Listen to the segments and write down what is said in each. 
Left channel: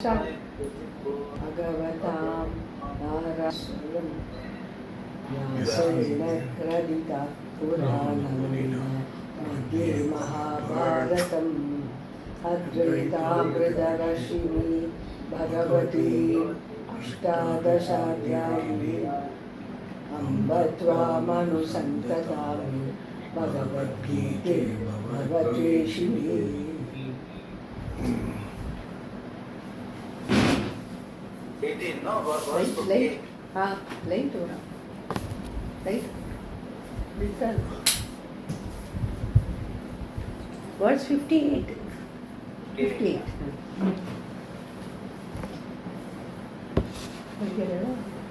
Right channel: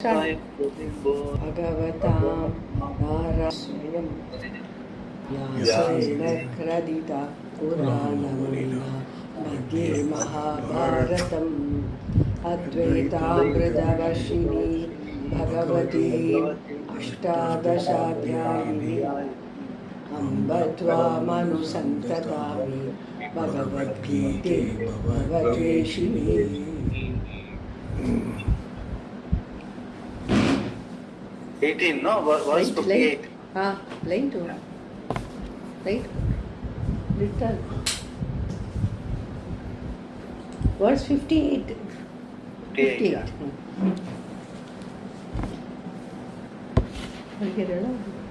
Bhagavatam Naraswayam Vyasena Kradita Puranamrita Madhye Mahabharatam Advaitamritarashini Bhagavati Ashtadashadhyayini Ambatva Manusantadami Bhagavad Gita Bhagatveshini. 18, no? Verse 58. Line to right? Return. Verse 58. 58.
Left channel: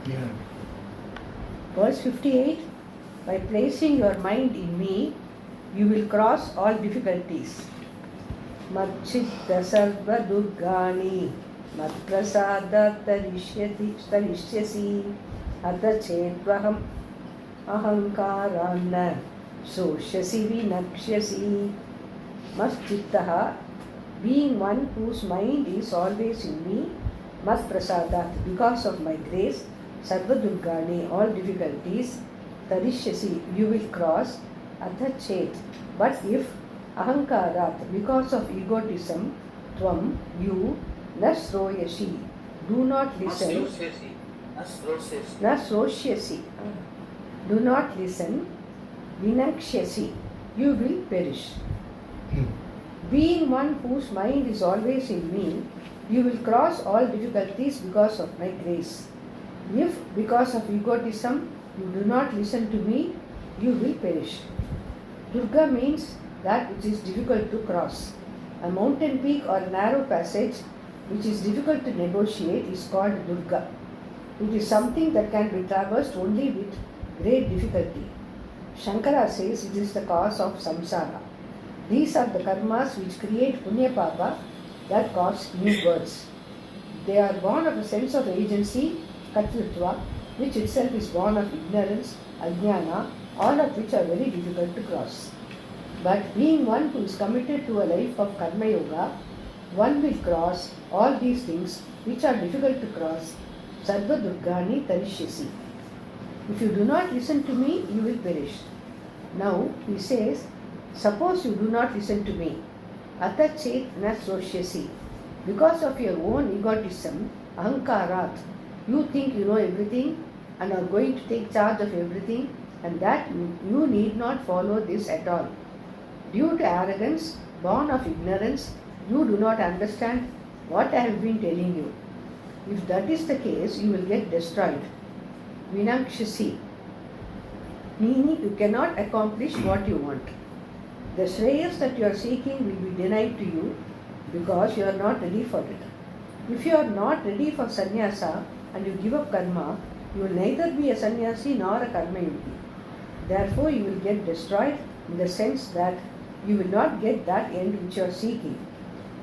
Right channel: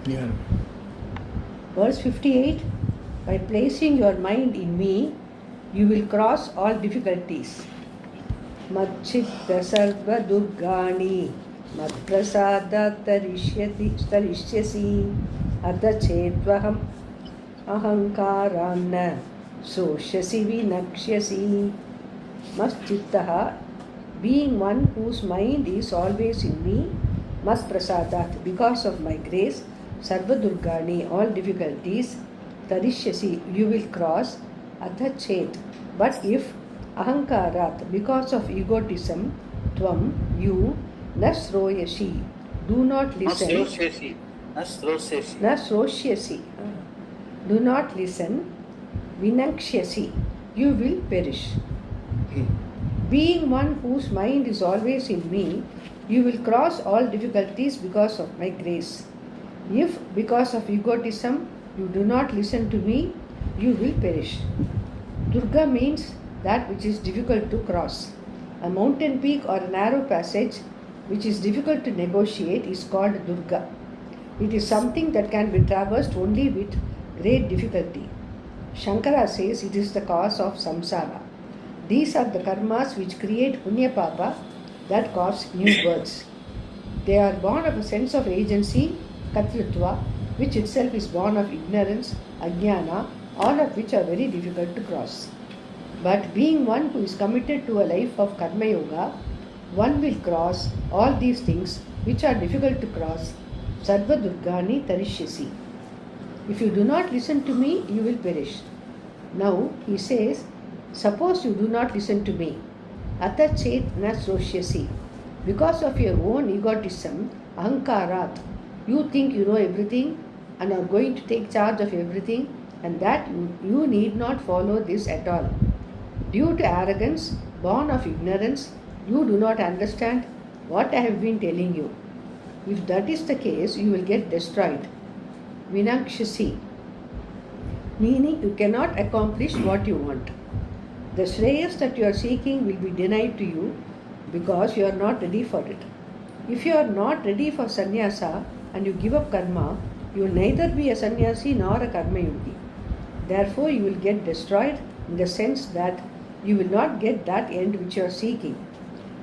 Yeah. Verse 58. By placing your mind in me, you will cross all difficulties. Madchitta sarva durgani Madprasada tarishyasi Adachetwaham ahankaranna Soshasi vinakshasi. Maschittaha, being one whose mind is always in me, Masprasadat, because of my grace, Sarva Durgani, all difficulties, Tarishyasi, you will cross, Adachet, but if Ahankarat, because of egotism, Tvam, you, Nasroyashi, do not listen. Nasrosyasi, do not listen. Vinakshasi, you will perish. Being one whose mind is always in me, you will cross all difficulties because of my grace. If, because of egotism, you do not listen to me, you will perish. Durga means that which is difficult to cross. A mountain peak or a narrow passage which is difficult to negotiate is called Durga. It is something that can be traversed only with great difficulty. Shankara says it is the cause of samsara. These are the karmas which create punya papa that cause new births. They are born of a sense of agency, katyutva, which itself is born of ignorance, ajnana, all of which are very difficult to cross. But being one who is committed to a life of karma yoga, one will cross all these things which are difficult to cross. Sarva Durgani Tarishyasi. If you do not listen to me, you will perish. Now he says, suppose you do not listen to me. Atachet nasroshyasi. Because of your own egotism, ahankarat, you think you know everything and are going to take charge of everything, and that you need not follow this at all. Due to arrogance, born of ignorance, you do not understand what I have been telling you. If that is the case, you will get destroyed. Vinakshasi, meaning you cannot accomplish what you want. The shreyas that you are seeking will be denied to you because you are not ready for it. If you are not ready for sannyasa and you give up karma, you will neither be a sannyasi nor a karma yogi. Therefore, you will get destroyed in the sense that you will not get that end which you are seeking.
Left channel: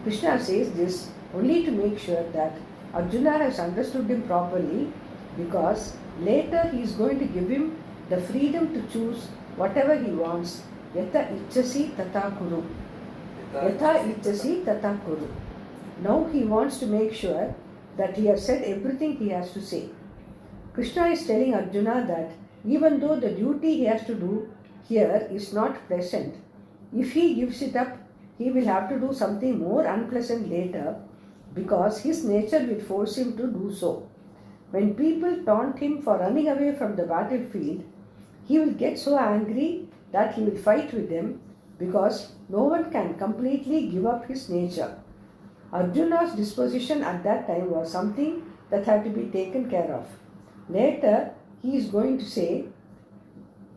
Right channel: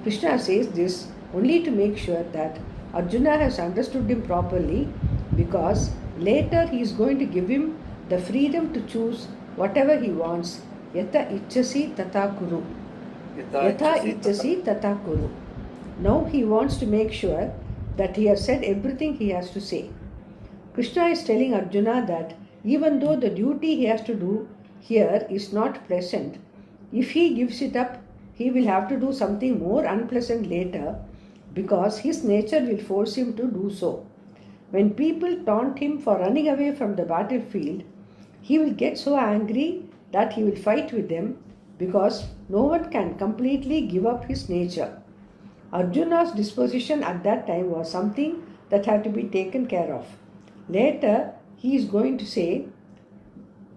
Krishna says this only to make sure that Arjuna has understood him properly, because later he is going to give him the freedom to choose whatever he wants. Yata ichasi tata kuru. Yata ichasi tata kuru. Now he wants to make sure that he has said everything he has to say. Krishna is telling Arjuna that even though the duty he has to do here is not pleasant, if he gives it up, he will have to do something more unpleasant later, because his nature will force him to do so. When people taunt him for running away from the battlefield, he will get so angry that he will fight with them, because no one can completely give up his nature. Arjuna's disposition at that time was something that had to be taken care of. Later, he is going to say,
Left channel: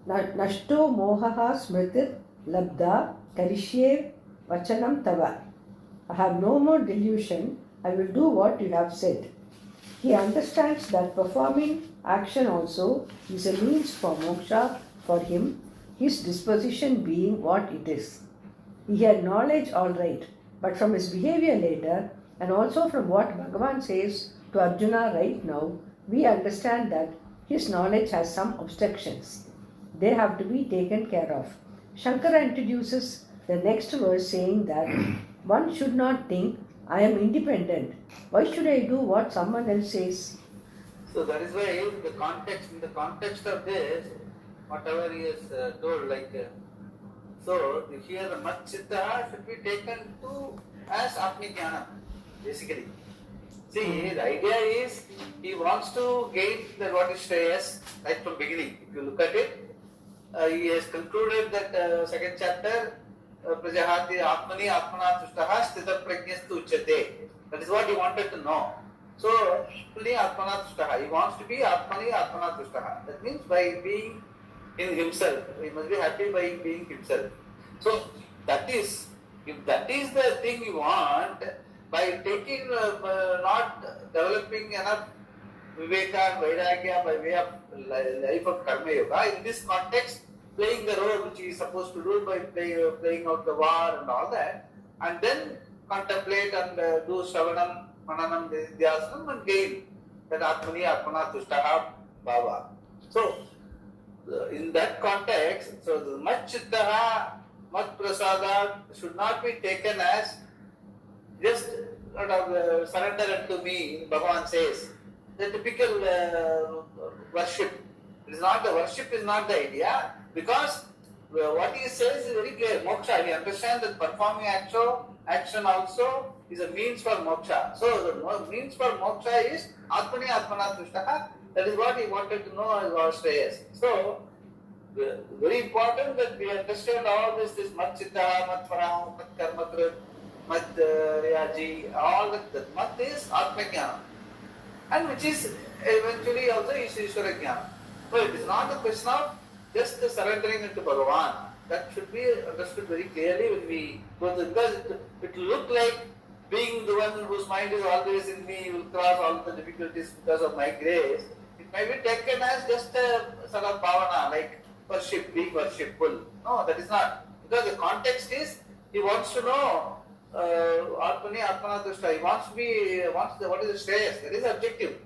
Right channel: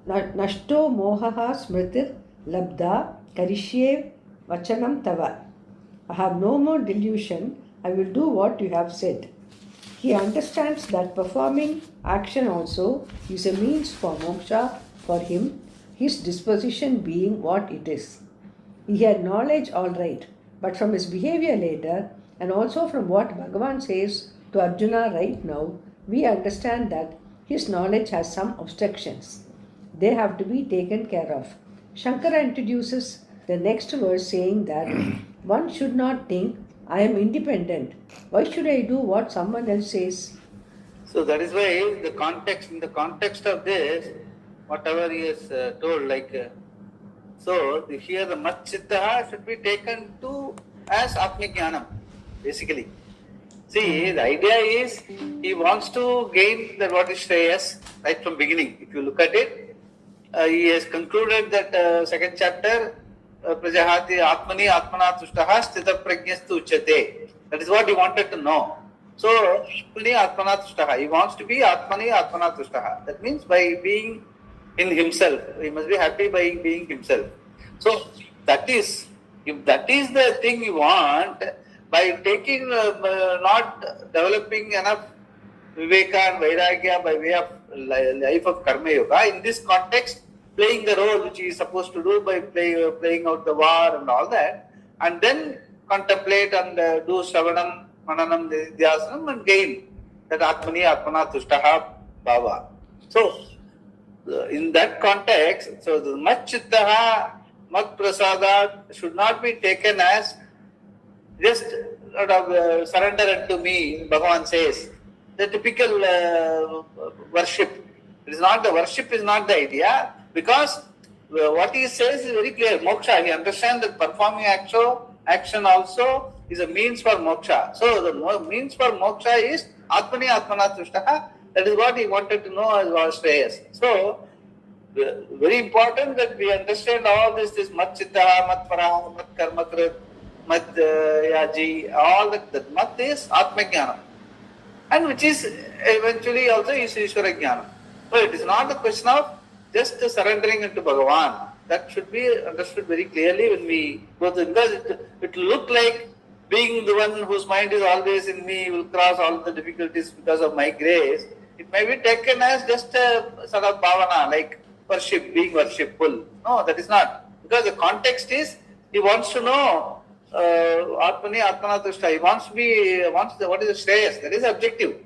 Nashto mohaha smritir labda karishye vachanam tava. I have no more delusion, I will do what you have said. He understands that performing action also is a means for moksha for him, his disposition being what it is. He had knowledge all right, but from his behavior later, and also from what Bhagavan says to Arjuna right now, we understand that his knowledge has some obstructions. They have to be taken care of. Shankara introduces the next verse saying that one should not think I am independent. Why should I do what someone else says? So that is why in the context of this, whatever he has told, here the mat chitta should be taken to as Atmajnanam, basically. See, the idea is he wants to gain that what is Shreyas right from beginning. If you look at it, he has concluded that second chapter, Prajahati Atmani Atmana Tushtaha Sthita Prajnastu Uchate. That is what he wanted to know. So, Atmani Atmana Tushtaha. He wants to be Atmani Atmana Tushtaha. That means by being in himself. He must be happy by being himself. So, if that is the thing you want, by taking, not developing enough Viveka and Vairagya by way of life of Karma Yoga, in this context, playing the role which he is supposed to do by playing out the war and all that, and then contemplate and do Shravanam, Mananam, Nidhyasanam and gain that Atmani Atmana Tushtaha Bhava. So, in that context, so the Mat Chittaha, Mat Prasada should not be taken as just surrender unto me, Bhagavan says. The typical worship. Worship is not the idea, because what he says is very clear. Moksha, we understand that performing action also is a means for moksha. So the means for moksha is Atmani Atmana Tushtaha. That is what he wanted to know as was Shreyas. So very important that we understand all this Mat Chitta, Mat Para, Mat Karmakrit, Mat Yaji, all that Mat is Atmajnanam, and which is eventually also is Ishvara Jnana. So it is not a question of just surrendering into Bhagavan. That should be understood very clearly when we go through, because it will look like being the one whose mind is always in me, will cross all the difficulties because of my grace. It may be taken as just a sort of bhavana, like worship, being worshipful. No, that is not. Because the context is, he wants to know Atmani Atmana Tushta. He wants what is the Shreyas. That is the objective,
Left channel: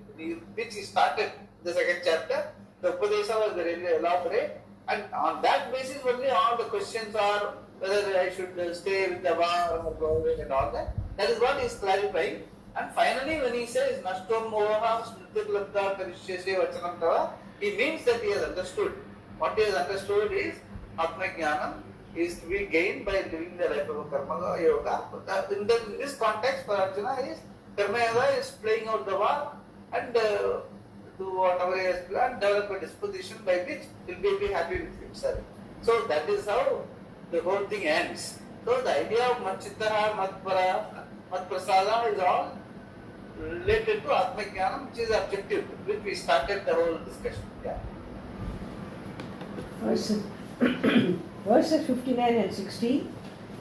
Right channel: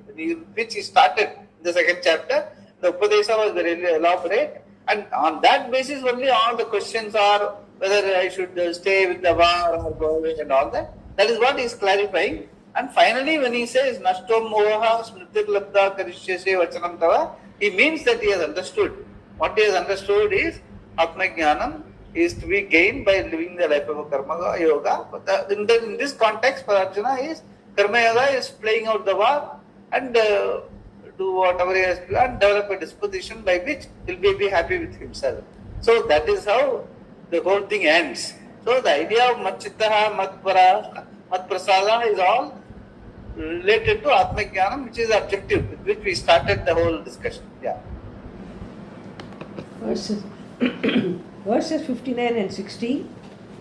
which he started in the second chapter. The Upadesha was very elaborate, and on that basis only all the questions are whether I should stay with the war or go away and all that. That is what he is clarifying. And finally, when he says Nashtom Moha Smritir Labda Karishyase Vachanam Tava, he means that he has understood. What he has understood is Atmajnanam is to be gained by living the life of a Karma Yoga. But in this context, for Arjuna, is Karma Yoga is playing out the war and do whatever he has to do and develop a disposition by which he will be happy with himself. So that is how the whole thing ends. So the idea of Mat Chittaha, Mat Para, Mat Prasada is all related to Atmajnanam, which is the objective with which we started the whole discussion. Yeah. Verses 59 and 60,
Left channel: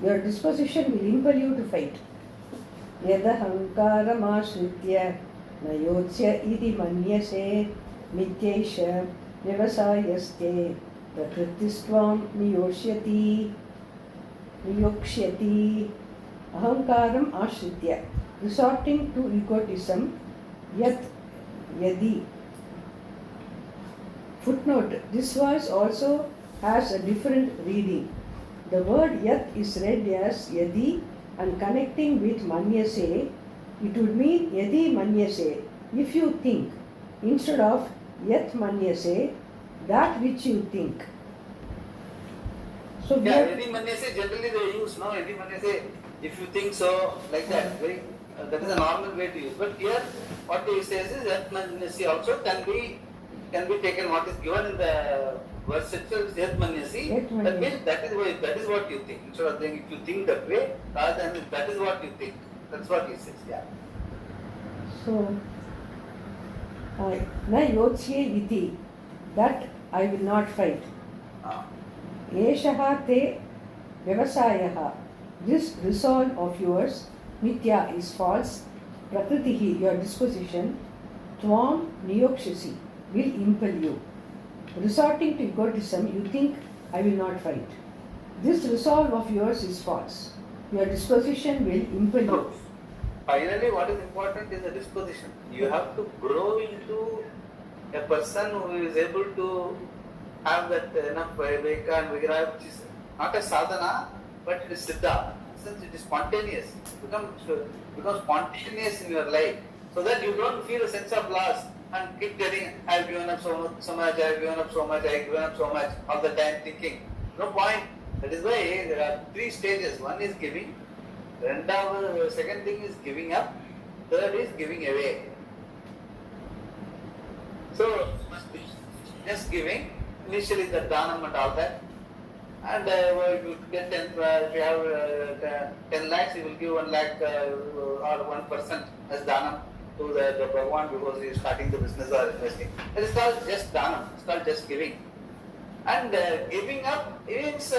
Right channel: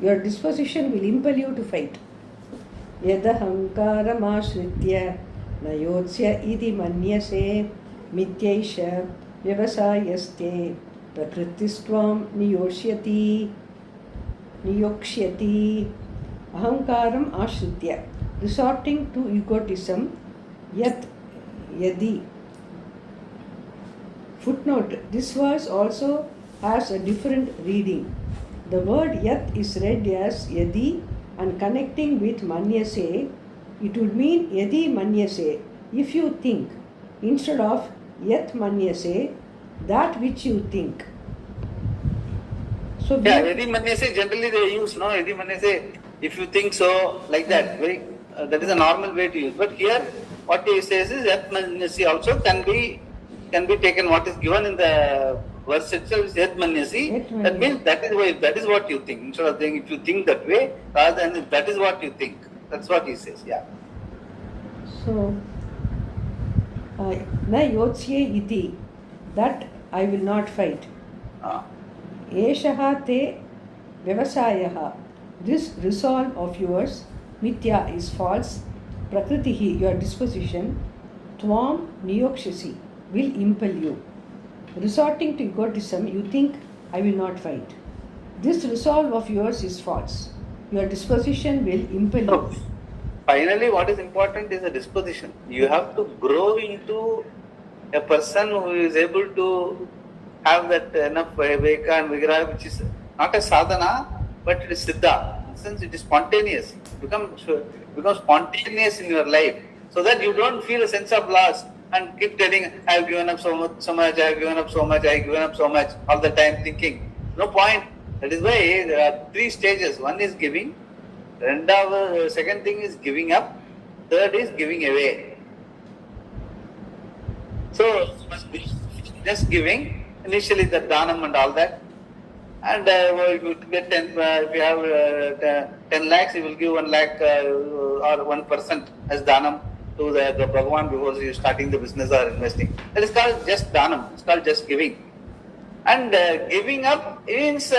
your disposition will impel you to fight. Yadahankaram ashritya nayotsya idi manyase mityaisha vyavasayaste prakritistvam niyokshyati ahankaram ashritya, resorting to egotism, yadi. Footnote, this verse also has a different reading. The word yat is read as yadi, and connecting with manyase, it would mean yadi manyase, if you think, instead of yat manyase, that which you think. So yadi manyase generally they use, no? Yadi manyase, if you think so, like that. Very, that is a normal way to use. But here, what he says is yat manyase also can be taken. What is given in the verse itself is yat manyasi. That means that is what you think. Instead of saying if you think that way, rather than that is what you think. That's what he says. Yeah. So, na yotsye iti, that I will not fight. Eshaha te vyavasayaha, this resolve of yours, mithya is false, prakritihi, your disposition, tvam niyokshasi, will impel you. Resorting to egotism, you think, I will not fight. This resolve of yours is false. Your disposition will impel you. Finally, what is important is the disposition. You have to grow into a person who is able to have that enough viveka and vigraha, which is not a sadhana, but it is siddha. sense it is spontaneous. Become spontaneous in your life, so that you don't feel a sense of loss and keep telling, I have given up so much, I have given up so much, I have given up so much, all the time thinking. No point. That is why there are 3 stages. One is giving, second thing is giving up, third is giving away. So it must be just giving, initially the dhanam and all that. And you get 10, if you have 10 lakhs, you will give 1 lakh or 1% as dhanam to the Bhagavan before you starting the business or investing. That is called just dhanam. It's called just giving. And giving up means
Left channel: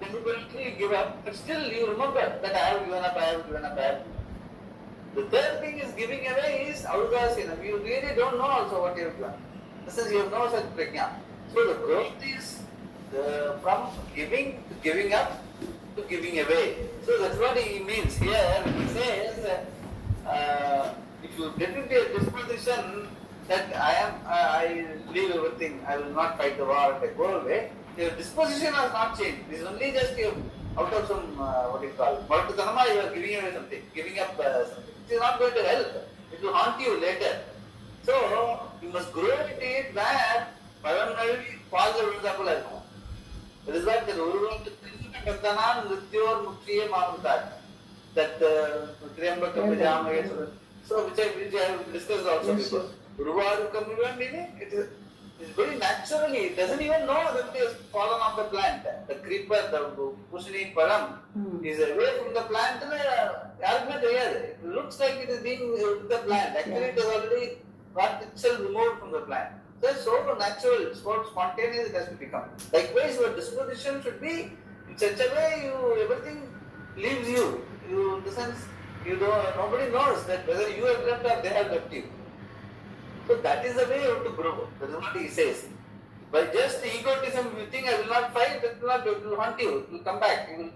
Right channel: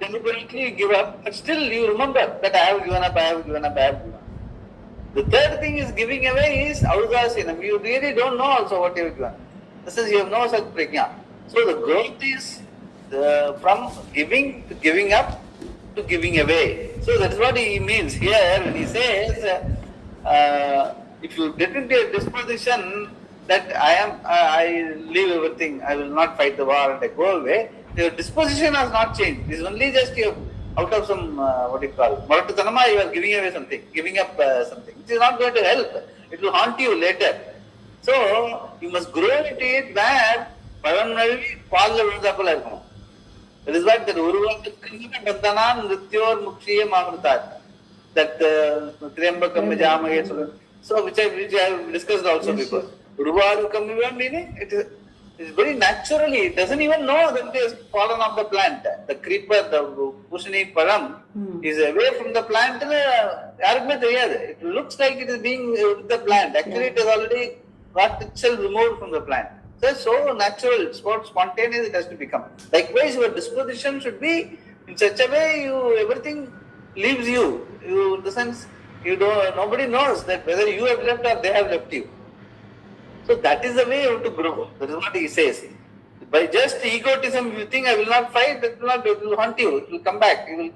deliberately you give up, but still you remember that I have given up, I have given up, I have given up. The third thing is giving away is audasinam. You really don't know also what you have given. This is, you have no such prajna. So the growth is from giving to giving up to giving away. So that's what he means here when he says, if you get into a disposition that I leave everything, I will not fight the war and I go away, your disposition has not changed. It is only just you out of some, Maratatanama, you are giving away something, giving up something. It is not going to help. It will haunt you later. So you must grow into it where Pavannavi Pala Vindapala இருக்கும். That is what the Uruvakakkanna Bandhanan Nrityor Mukshiya Mamrutat. That Triyambakam Vijamaye. So which I have discussed also before. Uruvarukam meaning it is very naturally, it doesn't even know that it is fallen off the plant. The creeper, the Pushani Param is away from the plant. It looks like it is being with the plant. Actually it is already got itself removed from the plant. So it's so natural, it's so spontaneous it has to become. Likewise, your disposition should be in such a way everything leaves you. In the sense, nobody knows that whether you have left or they have left you. So that is the way you have to grow. That is what he says. By just egotism, if you think I will not fight, it will haunt you. It will come back. You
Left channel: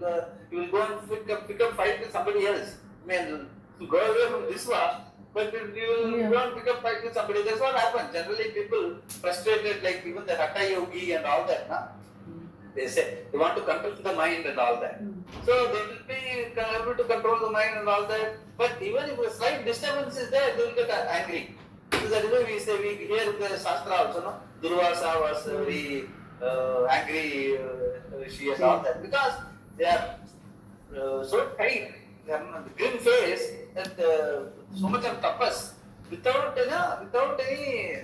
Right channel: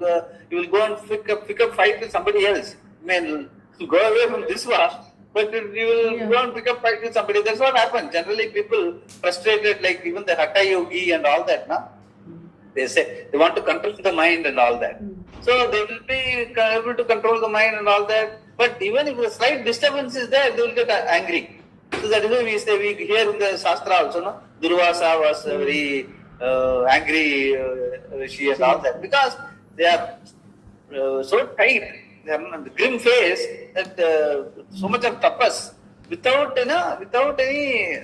will go and pick up fight with somebody else. Go away from this war. But you will go and pick up fight with somebody. That's what happens. Generally, people frustrated, like even the Hatha Yogi and all that. They say they want to control the mind and all that. So they will be able to control the mind and all that. But even if a slight disturbance is there, they will get angry. So that is why we say, we hear in the Shastra also, no? Durvasa was very angry rishi and all that. Because they are so tight. They have the grim face that so much of tapas without any,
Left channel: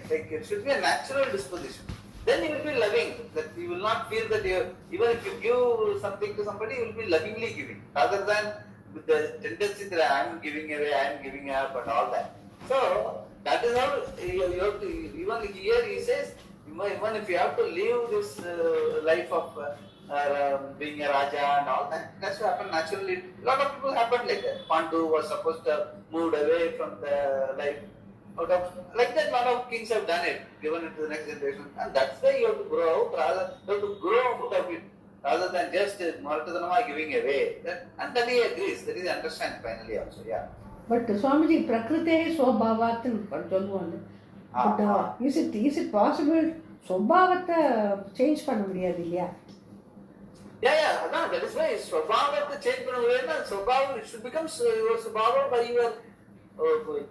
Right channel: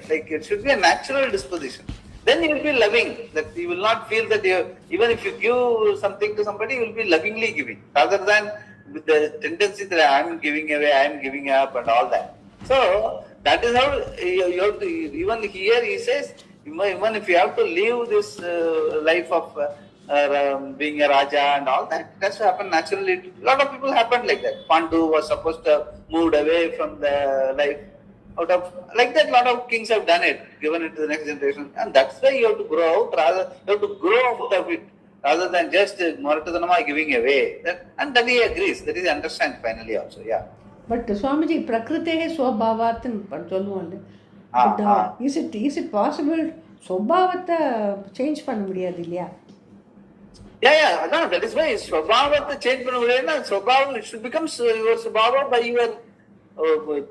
like it should be a natural disposition. Then you will be loving, that you will not feel that even if you give something to somebody, you will be lovingly giving, rather than with the tendency that I am giving away, I am giving up and all that. So that is how you have to, even here he says, even if you have to live this life of being a Raja and all that, it has to happen naturally. A lot of people happened like that. Pandu was supposed to have moved away from the life. Out of like that, a lot of kings have done it, given it to the next generation, and that's why you have to grow out. Rather, you have to grow out of it, rather than just Maratatanama giving away. And that he agrees. That he understands finally also. Yeah. But Swamiji, Prakritehe Swabhavat is it possible Swabhavata change பண்ண முடியாது இல்லையா? Yeah. No, that is why Swabhavata change பண்ண முடியாதுன்னா Swabhavam, it should become your Swabhava by your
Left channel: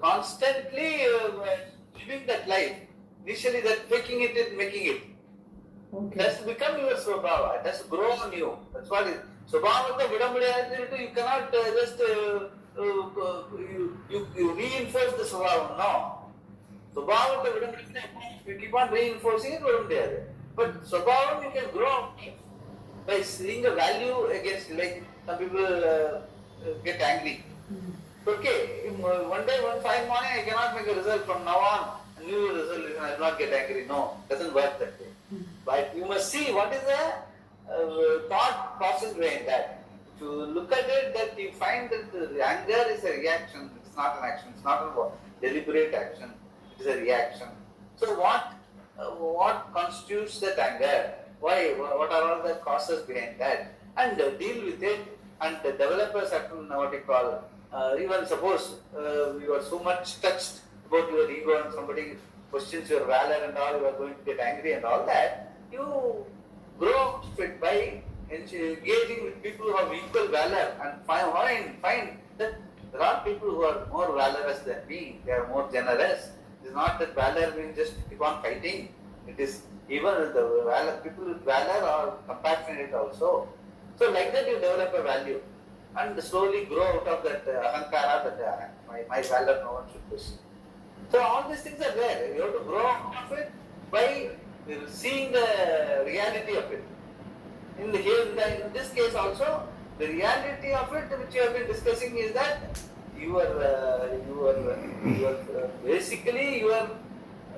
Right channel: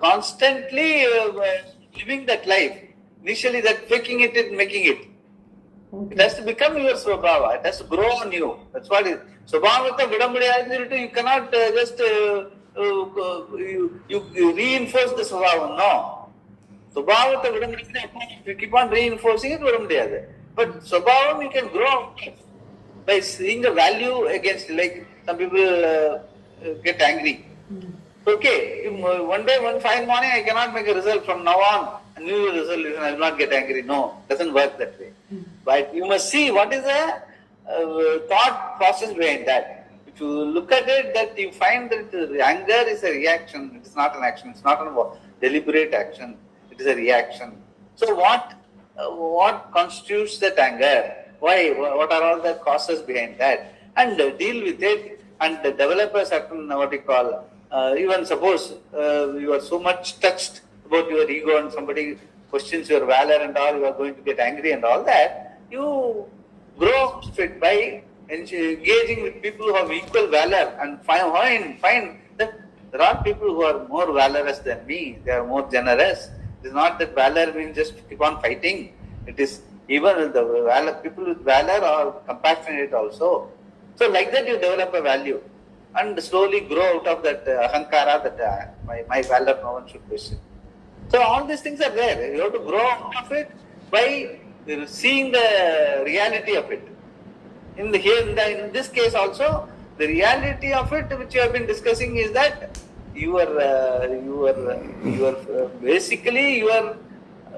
constantly living that life. Initially that faking it and making it. Okay. It has to become your Swabhava. It has to grow on you. That's what it is. Swabhavata vida mudiyadu, you cannot just you reinforce the Swabhava. No. Swabhavata vida mudiyadu, if you keep on reinforcing it, vida mudiyadu. But Swabhava you can grow by seeing the value against, like some people get angry. Okay, one day, one fine morning, I cannot make a result. From now on, a new result, I will not get angry. No, it doesn't work that way. But you must see what is the thought process behind that. If you look at it, that you find that the anger is a reaction. It is not an action. It's not a deliberate action. It is a reaction. So what constitutes that anger? Why? What are all the causes behind that? And deal with it and develop a certain, what you call, even suppose you are so much touched about your ego and somebody questions your valor and all, you are going to get angry and all that, you grow fit by engaging with people who have equal valor and find that there are people who are more valorous than me, they are more generous. It is not that valor means just keep on fighting. It is even the valor, people with valor are compassionate also. So like that you develop a value and slowly grow out of that ahankara, that my valor no one should question. So all these things are there. You have to grow out of it by seeing the reality of it. In this case also, the reality of it which you have been discussing is that you are basically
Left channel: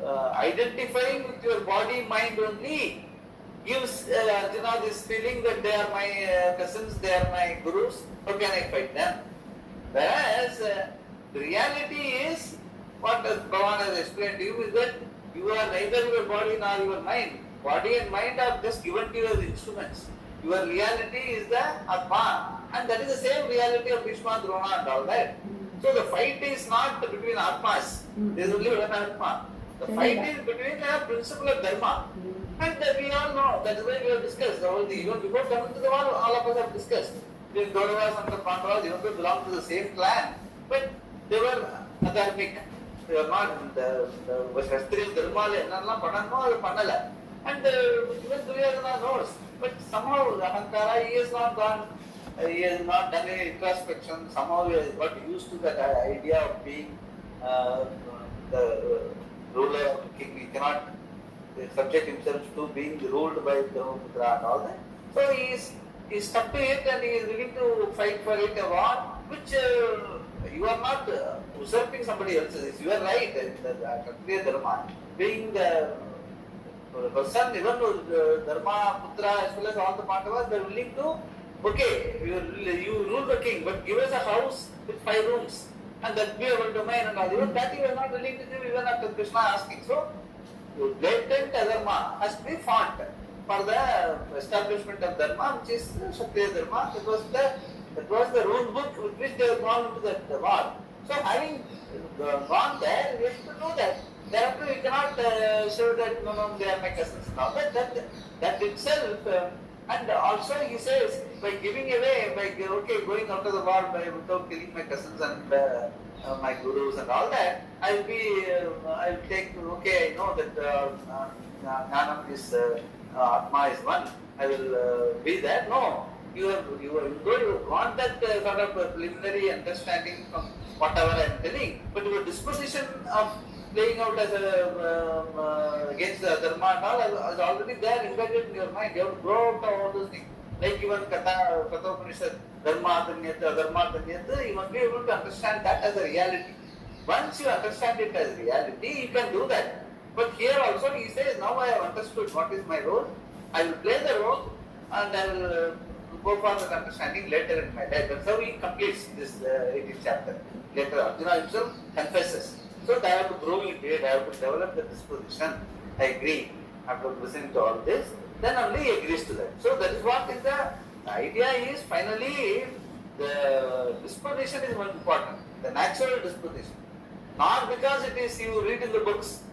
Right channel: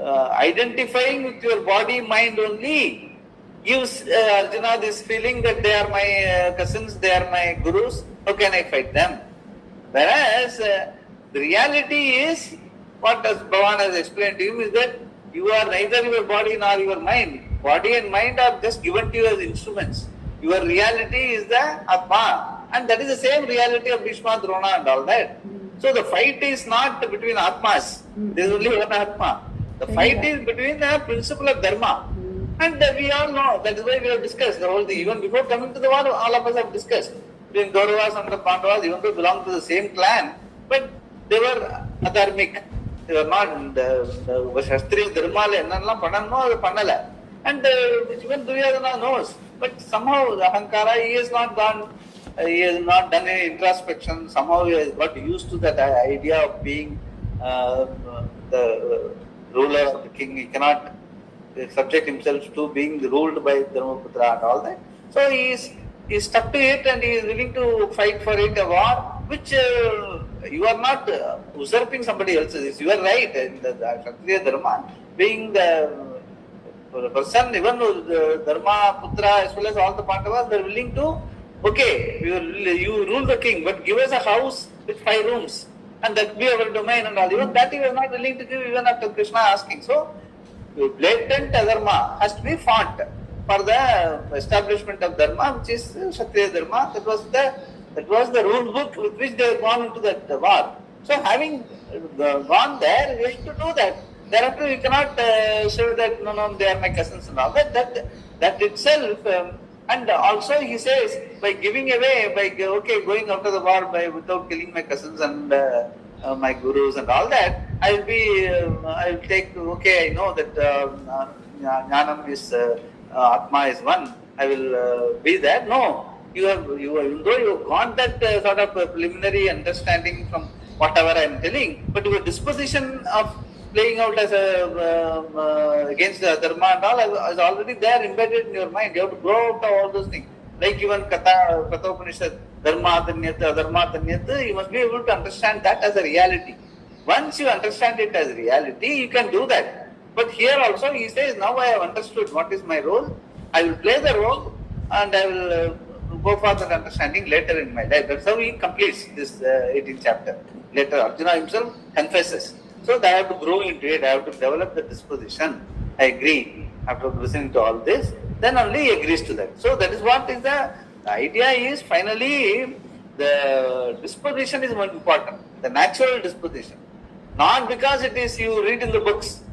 identifying with your body mind only gives Arjuna this feeling that they are my cousins, they are my gurus, how can I fight them? Whereas the reality is, what Bhavan has explained to you, is that you are neither your body nor your mind. Body and mind are just given to you as instruments. Your reality is the Atma, and that is the same reality of Bhishma, Drona and all that. So the fight is not between Atmas. There is only one Atma. The fight is between the principle of Dharma. And we all know, that is why we have discussed the whole thing. Even before coming to the war, all of us have discussed. Between Kauravas and the Pandavas, even though belong to the same clan, but they were adharmic. They were not the Shastriya Dharma, and even Duryodhana knows. But somehow the Ahankara, he has not done any introspection. Somehow he has got used to that idea of being the ruler of the king. He cannot subject himself to being ruled by Dharmaputra and all that. So he is stuck to it, and he is willing to fight for it, a war which you are not usurping somebody else's. You are right. The Kshatriya Dharma, being the person, even Dharma, Putra, as well as all the Pandavas, they are willing to, okay, you rule the king, but give us a house with 5 rooms, and that be our domain and all. Even that you are not willing to give, even after Krishna asking. So, blatant adharma has to be fought for the establishment of Dharma, which is Kshatriya Dharma. That was the rule book with which they have gone into that war. So, having gone there, we have to know that. Thereafter, you cannot say that no, they are my cousins and all that. That itself, and also he says, by giving away, going out of the war without killing my cousins and my gurus and all that, I will take. Okay, I know that Jnanam is Atma is one. I will be there. No, even though you got that sort of preliminary understanding from whatever I am telling, but your disposition of playing out as against the dharma and all is already there embedded in your mind. You have to grow out of all those things. Like even Katha Upanishad, dharma adharma, you must be able to understand that as a reality. Once you understand it as reality, you can do that. But here also he says, now I have understood what is my role. I will play the role and I will go for that understanding later in my life. That's how he completes this 18th chapter. Later Arjuna himself confesses. So I have to grow into it, I have to develop the disposition. I agree. After listening to all this, then only he agrees to that. So that is what is the idea is, finally the disposition is more important. The natural disposition. Not because it is you read in the books.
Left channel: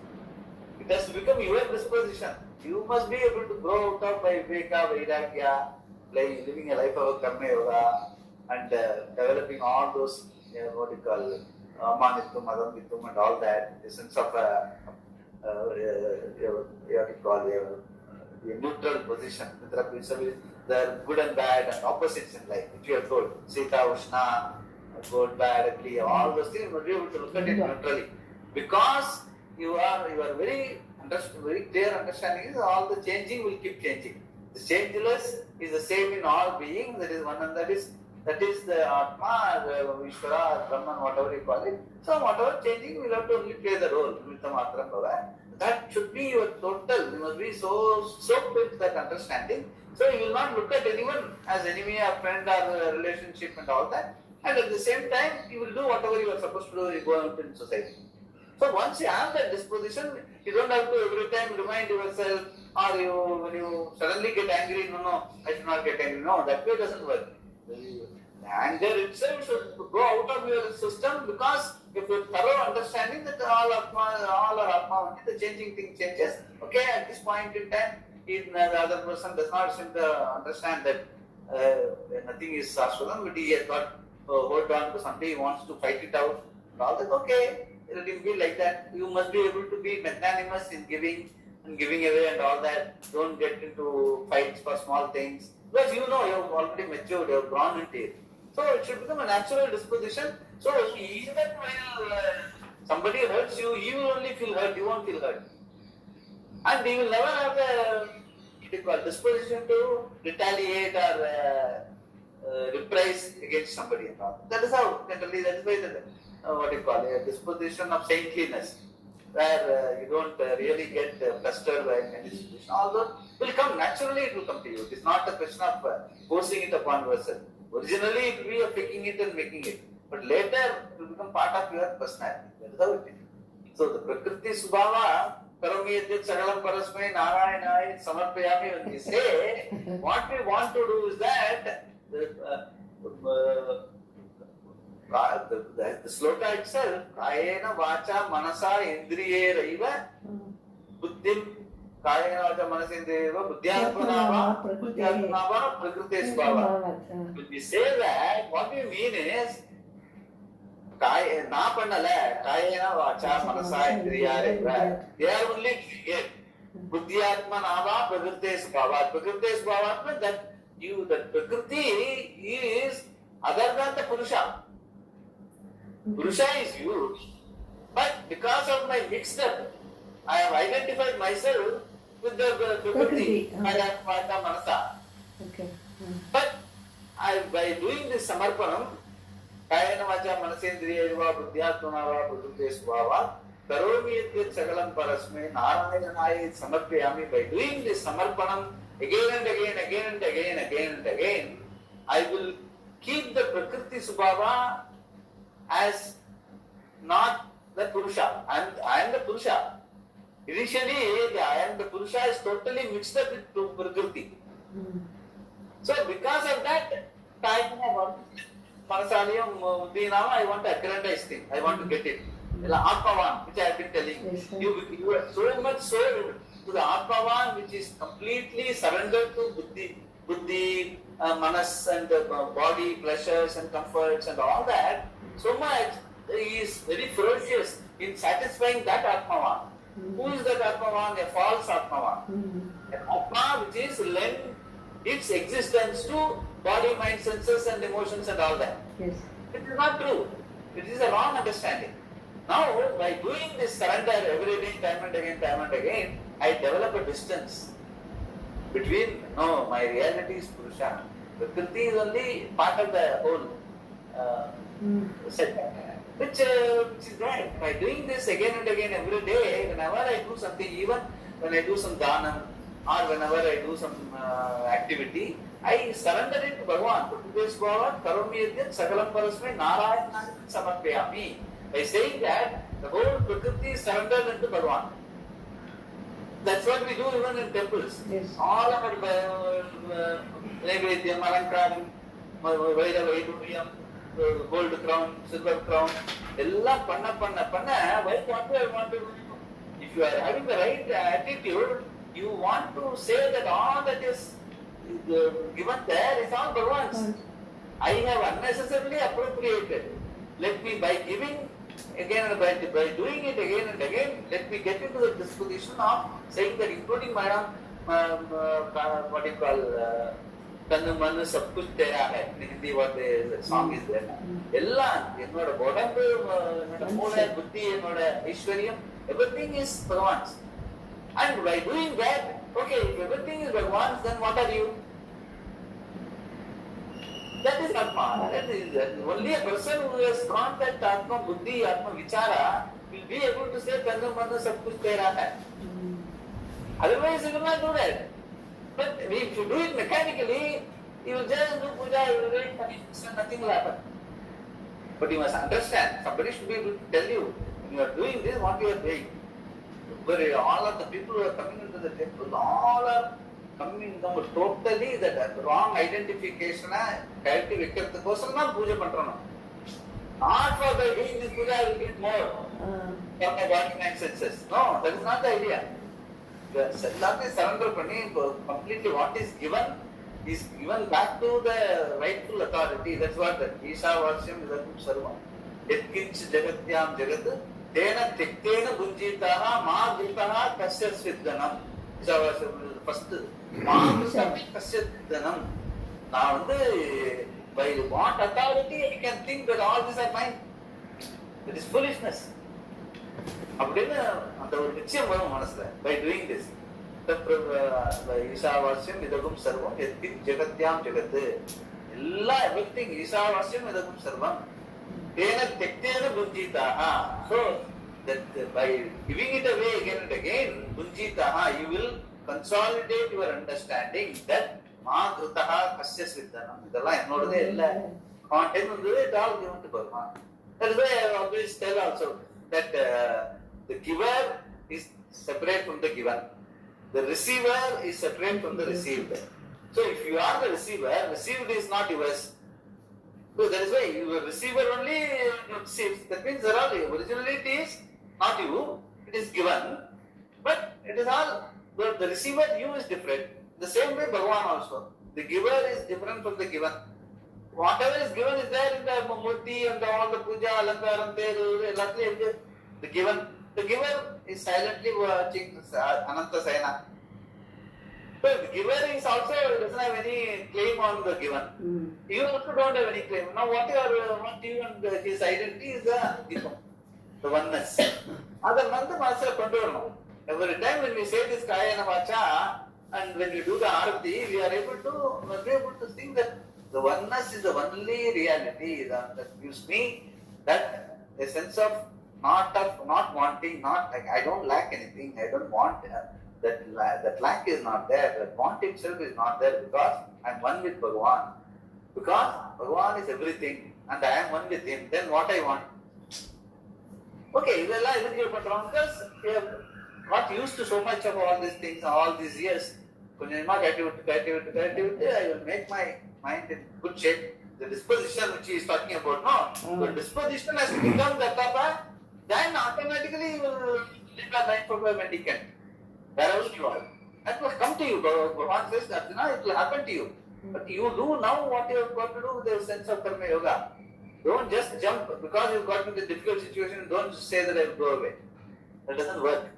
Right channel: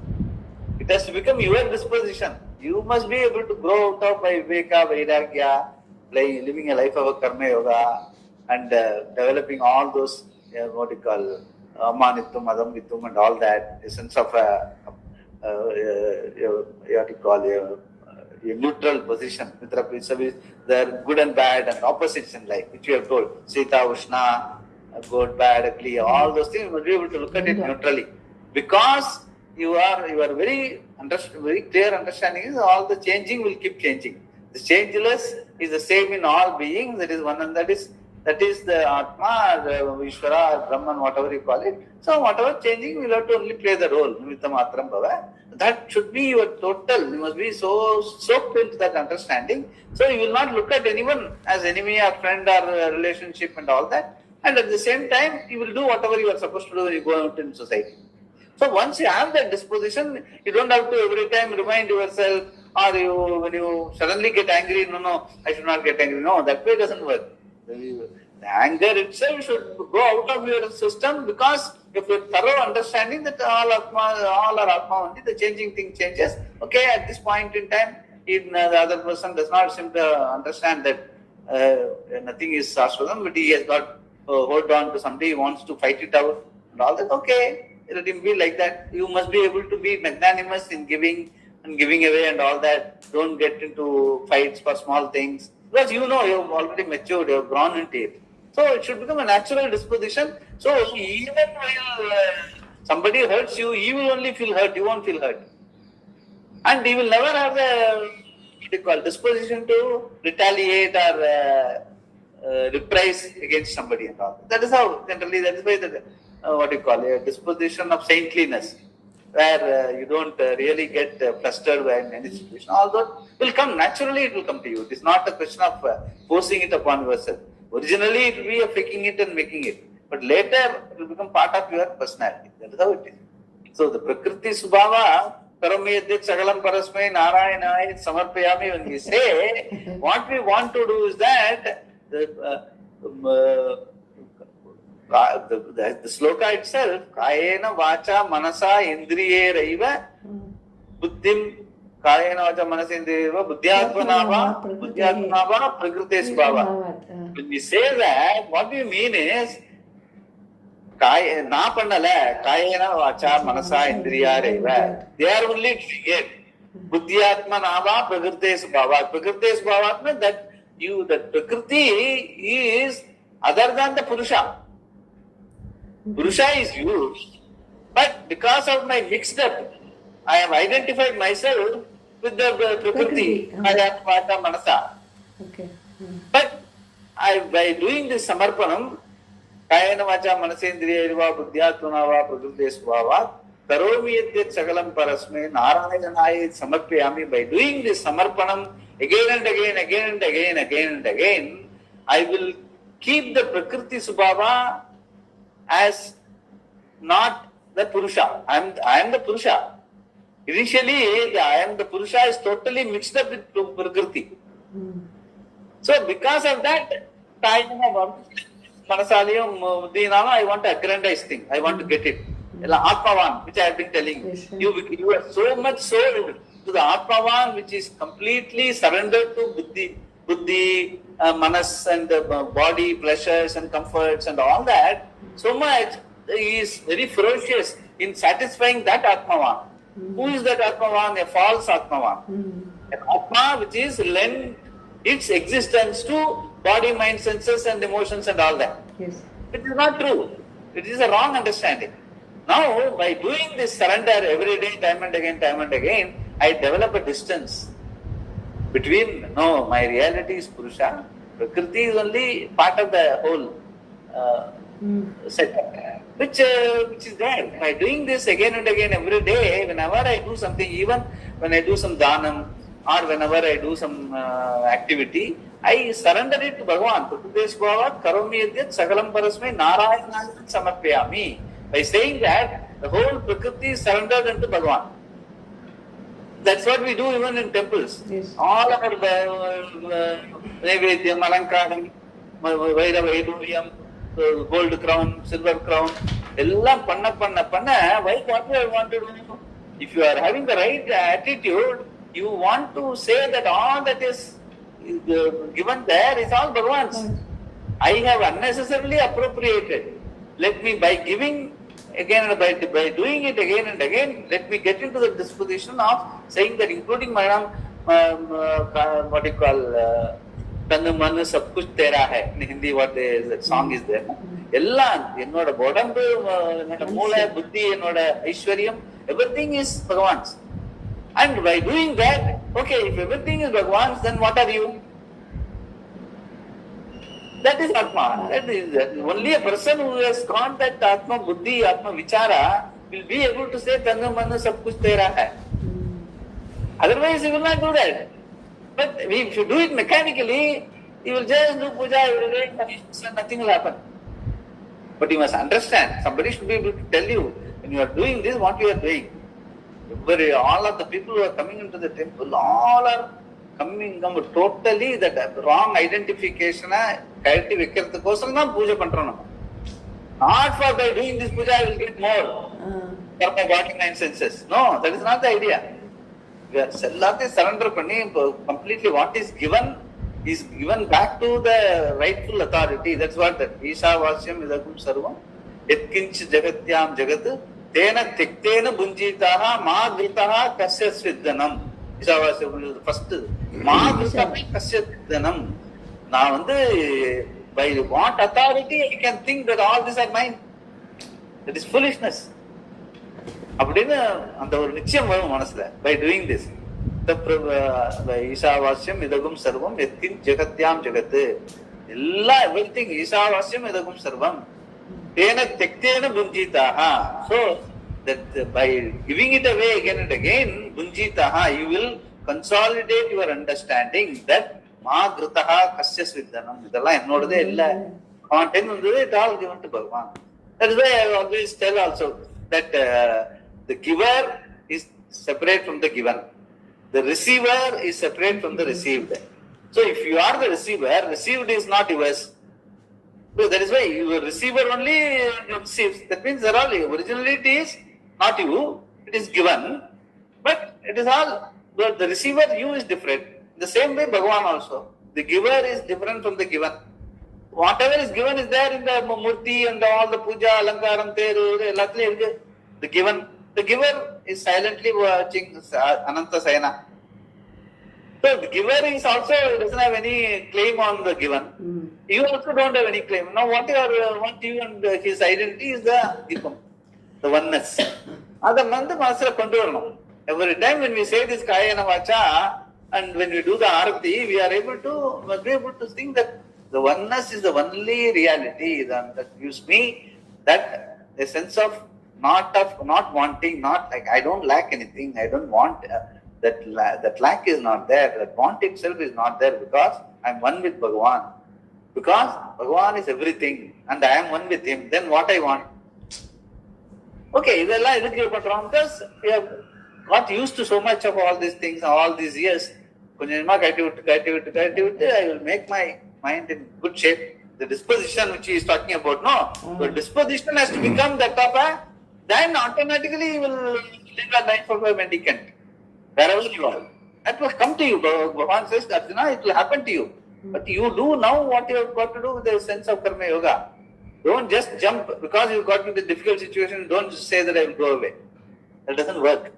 It has to become your disposition. You must be able to grow out of by viveka, vairagya, living a life of a karma yoga, and developing all those, what you call, Amanitvam, Adamvitvam and all that, a sense of a neutral position with the good and bad and opposites in life, which you have told, Sita, Ushna, good, bad, ugly, all those things, you must be able to look at it neutrally. Because you are very clear understanding is all the changing will keep changing. The changeless is the same in all beings, that is one, and that is the Atma, the Ishvara, Brahman, whatever you call it. So whatever changing, you will have to only play the role. Nimittamatram bhava. That should be your total. You must be so soaked into that understanding. So you will not look at anyone as enemy or friend or relationship and all that. And at the same time, you will do whatever you are supposed to do when you go out in society. So once you have that disposition, you don't have to every time remind yourself, or when you suddenly get angry, no, I should not get angry. No, that way doesn't work. The anger itself should go out of your system, because if you have thorough understanding that all are Atma only, the changing thing changes. Okay, at this point in time, the other person does not seem to understand that nothing is Shashvatam, but he has got hold on to somebody, he wants to fight it out and all that. Okay, let him be like that. You must be able to be magnanimous in giving and giving away and all that. Don't get into fights for small things. Because you know, you have already matured, you have grown into it. So it should become a natural disposition. So even while somebody hurts you, he will only feel hurt, you won't feel hurt. And he will never have the disposition to retaliate or reprise against somebody and all. That is how, generally, that is why a disposition of saintliness, where you don't really get flustered by any situation. Although will come, naturally it will come to you. It is not a question of forcing it upon yourself. Originally it will be a faking it and making it. But later it will become part of your personality. That is how it is. So the Prakriti Subhava, Karamyadit Sagalam Parasmai Narayanai Samarpayami, when we say, what we want to do is that the sloka itself, Kayena Vacha Manasa Indriye Raiva Buddhim Kayena Vacha Manasa Indriye Raiva Buddhyatmanava Prakriti Subhava. When we say that, what we mean is na pannala Kayena Vacha Manasa Indriya Raiva. They are only doing it. Buddhyatmanava Prakriti Subhava. Prakriti Subhava means that that Prakriti is other than the Purusha. Purusha is used, but because of my mixed up, I have identified myself with the Prakriti, Kaya, Vata, Manasa. Okay. But by doing this Samarpanam, Kayana Vacha Manasendriya Irva Buddhyatmanava Prakriti Svava, Karomi Yadyat Sagalam Parasme, Narayanai Samarpayami, by doing this Samarpanam again and again, I will keep the Prakriti Subhava as not the Purusha. I am the Purusha. Initially, the I am the Purusha is totally mixed up with Prakriti. So because of that, I want to aggrandize thing. I want to get it. Atmavan, which I have been telling you. You are so much sold to the Atmavan, which is completely surrendered to Buddhi, Manas and the body, pleasures and comforts and all that. So much he is very ferocious in satisfying that Atmavan. Who is that Atmavan? A false Atmavan. An Atma which is lend its existence to body, mind, senses and emotions and all that. Yes. It is not true. It is a wrong understanding. Now, by doing this surrender every day, time and again, I develop a distance between, no, my reality is Purusha. Prakriti is only part of the whole setup, which is there. By doing this again and again every day, whenever I do something, even when I do some dhanam or whenever I do some activity, I surrender it to Bhagavan. Prakriti Svava Karomi Yadyat Sagalam Parasmai Narayanai Samarpayami. By saying that, the whole Prakriti is surrendered into Bhagavan. That's what we do even in temples. Yes. All our Naivedyam, Alankaram, Vaira Vaiduriyam, gold crown, silver crown, Ella Panna, why what do I want to do? If you are having the right attitude, you want to say that all that is given there is all Bhagavan's. I have unnecessarily appropriated. Let me, by giving again and by doing it again and again, let me get into the disposition of saying that, including my what you call Tannu Mannu Sab Kuch Tera Hai. In Hindi, that song is there. Ella, Enoda Bodambu, Enoda Moola, Buddhi, Enoda Aishwaryam, everything is Bhagavan's. And by doing that, okay, if everything is Bhagavan's, then what are you? That is Atma. That is only a person who has got that Atma Buddhi, Atma Vichara will be able to say Tannu Mannu Sab Kuch Tera Hai. Otherwise, he will not do that. But if you do it mechanically, you will just do puja every day, nothing will happen. But you must understand, somebody should be able to tell you, when you are doing this, what you are doing. Where all of the people who are coming into the temple, all are coming totally that wrong identification, character vekkirathukosam na puja pandrona. Not for by doing this puja I will get more for my body, mind, senses. No, that is not the idea. எல்லாத்தையும் surrender பண்ணி completely what is given back to the rightful authority. That's what that Isavasyam idagum sarvam yatkinch jagatyam jagat tena tiktena bunjitaha ma gritaha kasya sviddanam. Isavasyam is the first. Ma gritaha kasya sviddanam. நான் வந்து by what authority I can think that all these are mine. That is foolishness. அப்படின்னு அந்த ஒரு நிச்சயம் வரும் மனசுல. By doing this, ஈசாவாஸ்யம் இதகும் சர்வம் எத்தின் ஜெகத்யாம் ஜெகத்து எல்லா எவ்ரிதிங் ஈசாவாஸ்யம் இதகும் சர்வம் தேன தெக்தேன புஞ்சிதாக. So that by giving it away again and again, புஞ்சிதாக, you will consolidate your understanding that மா கிருதா கஸ்ய ஸ்வித்தனம். இதெல்லாம் என்னோடதே இல்ல, கான்டென்ட் வந்தது, it all given to Bhagavan. That is why I always tell also that the giver is separate from the given. The receiver is separate from the received. So if you are the receiver, received is not yours. So that is why your receiver only receives. That means that all originally it is not you, it is given, but it is all the receiver, you is different. The same way Bhagavan also. The giver is different from the given. Whatever is given is there in the murti and all the puja, alankaram, teru, ellathilum irukku. The given. The giver is silently watching Ananta Sayana. So the giver is also doesn't have any claim on the given. You also don't have any claim. Now what you and his identity is the Gita, the oneness. Other Nanda Masra control. Every time when we say this Kayana Vacha and when we do the Arati, we are able to think that the oneness is the only reality that gives me that a sense of not wanting, not like I don't lack anything, I don't want that lack is not there, that want itself is not there, because I am one with Bhagavan. Because Bhagavan is everything and I am one with him, then what I want? Okay, because we have got used to so much of all these things all these years. I will make my mind in good shape. The disposition which he is talking about, no? The disposition has to become that papa. Then automatically you will live a life of a mendicant. Wherever you are. That will come to you. Bhagavan says, Arjuna, it will happen to you. But you do now what you have got to do with the sense of karma yoga. Don't just jump because you got into a difficult situation. Don't just say that I will go away. That doesn't work.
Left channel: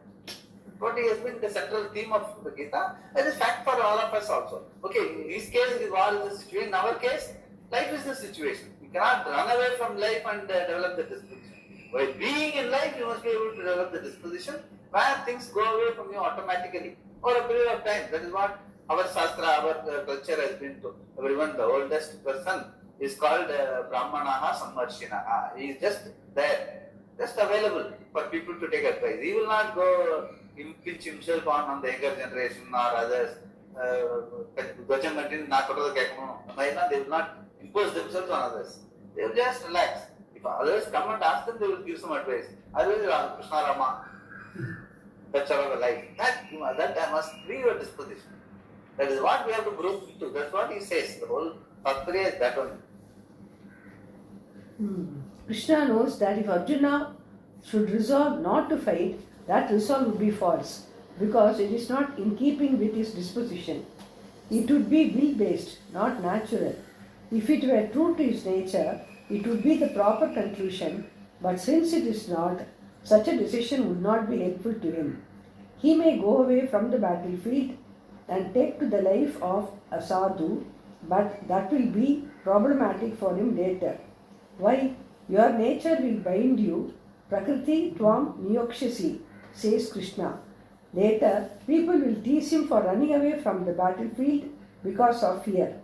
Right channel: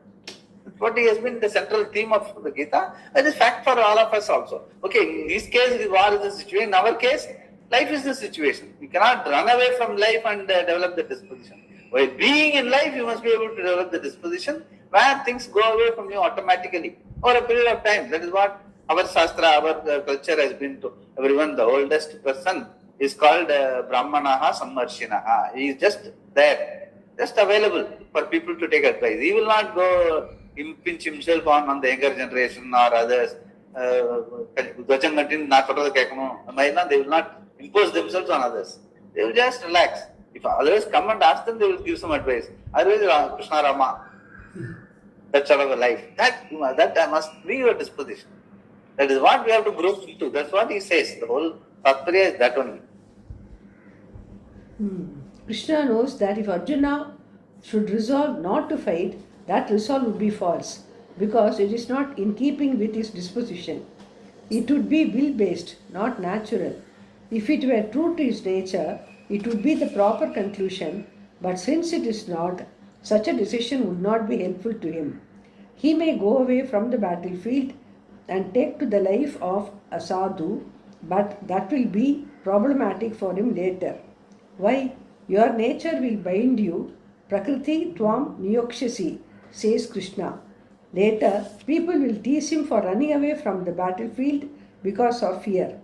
That's what has been the central theme of the Gita. That is fact for all of us also. Okay, in this case, war is the situation. In our case, life is the situation. You cannot run away from life and develop the disposition. While being in life, you must be able to develop the disposition where things go away from you automatically over a period of time. That is what our Shastra, our culture has been to everyone. The oldest person is called Brahmanaha Sammarshinaha. He is just there, just available for people to take advice. He will not go impinge himself on the younger generation or others. They will not impose themselves on others. They will just relax. If others come and ask them, they will give some advice. Otherwise, Krishna Rama. That's sort of a life. That must be your disposition. That is what we have to grow into. That's what he says. The whole Tattva is that only. Krishna knows that if Arjuna should resolve not to fight, that resolve would be false, because it is not in keeping with his disposition. It would be will-based, not natural. If it were true to his nature, it would be the proper conclusion, but since it is not, such a decision would not be helpful to him. He may go away from the battlefield and take to the life of a sadhu, but that will be problematic for him later. Why? Your nature will bind you. Prakriti tvam niyokshasi, says Krishna. Later, people will tease him for running away from the battlefield because of fear.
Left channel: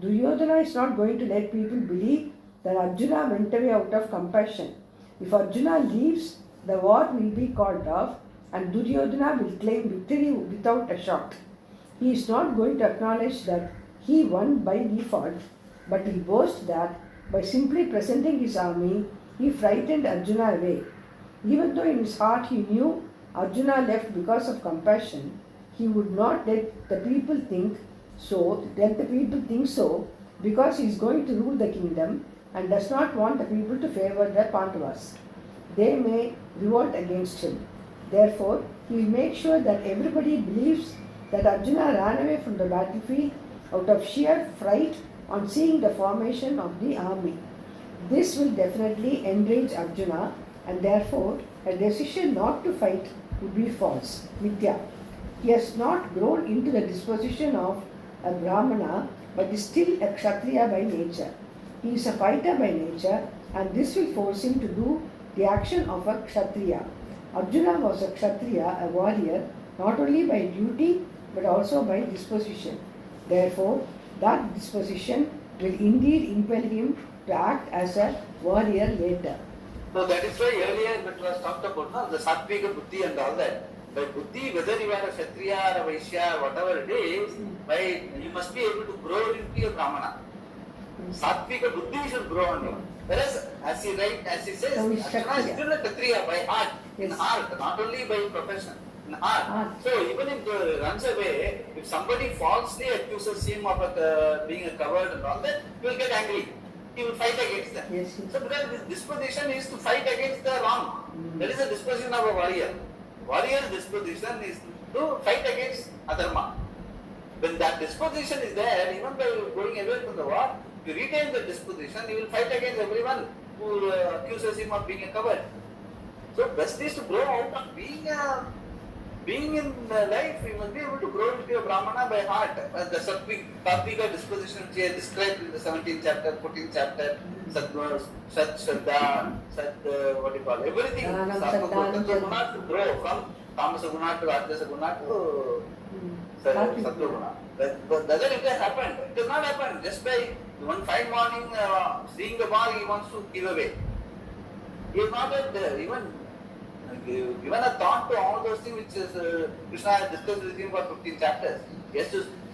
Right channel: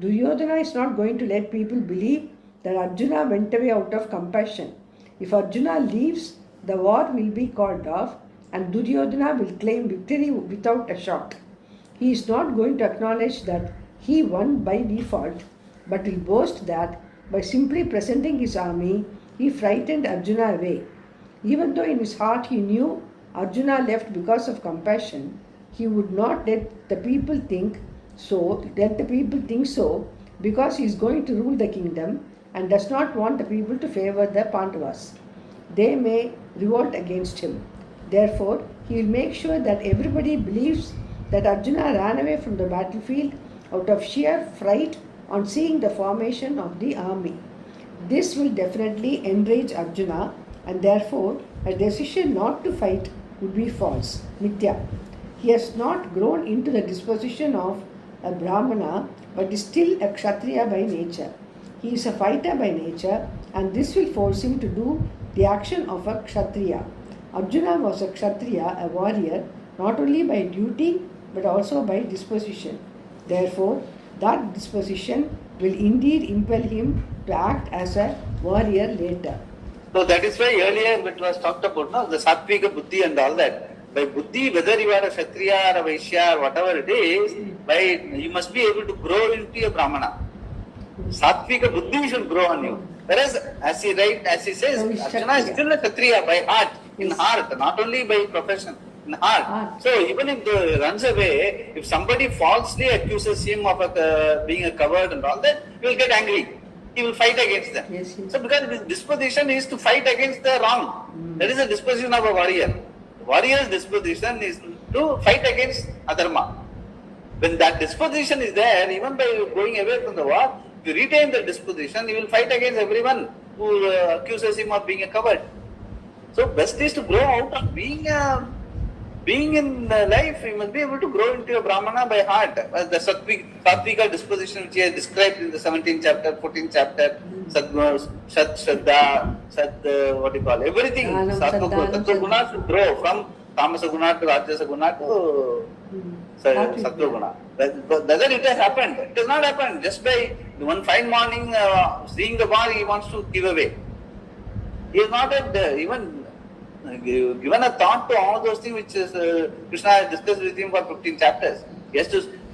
Duryodhana is not going to let people believe that Arjuna went away out of compassion. If Arjuna leaves, the war will be called off and Duryodhana will claim victory without a shot. He is not going to acknowledge that he won by default, but will boast that by simply presenting his army, he frightened Arjuna away. Even though in his heart he knew Arjuna left because of compassion, he would not let the people think so, because he is going to rule the kingdom and does not want the people to favor the Pandavas. They may revolt against him. Therefore, he will make sure that everybody believes that Arjuna ran away from the battlefield out of sheer fright on seeing the formation of the army. This will definitely enrage Arjuna, and therefore a decision not to fight will be false, mithya. He has not grown into the disposition of a Brahmana, but is still a Kshatriya by nature. He is a fighter by nature, and this will force him to do the action of a Kshatriya. Arjuna was a Kshatriya, a warrior, not only by duty but also by disposition. Therefore, that disposition will indeed impel him to act as a warrior later. So that is why earlier it was talked about, no, the Sattvika Buddhi and all that. By Buddhi, whether you are a Kshatriya or a Vaishya or whatever it is, you must be able to grow into a Brahmana. Sattvika Buddhi should grow on you. Whereas, as he says, Arjuna is still a Kshatriya by heart, in heart, not only by profession, in heart. So even if he runs away, if somebody falsely accuses him of being a coward and all that, he will get angry. He will fight against them. Yes. So because his disposition is to fight against the wrong. That is the disposition of a warrior. Warrior's disposition is to fight against adharma. When that disposition is there, even by going away from the war, if you retain the disposition, he will fight against everyone who accuses him of being a coward. So best is to grow out of being in life. You must be able to grow into a Brahmana by heart. The Sattvika disposition which he has described in the 17th chapter, 14th chapter, Sadguna, Sat Shraddha, what do you call it? Everything. Sattva Guna should grow from Tamasa Guna to Rajasa Guna to Sattva Guna. Doesn't it have happened? It has not happened. Just by one fine morning, seeing the war, he wants to give away. He has not had even given a thought to all those things which Krishna has discussed with him for 15 chapters.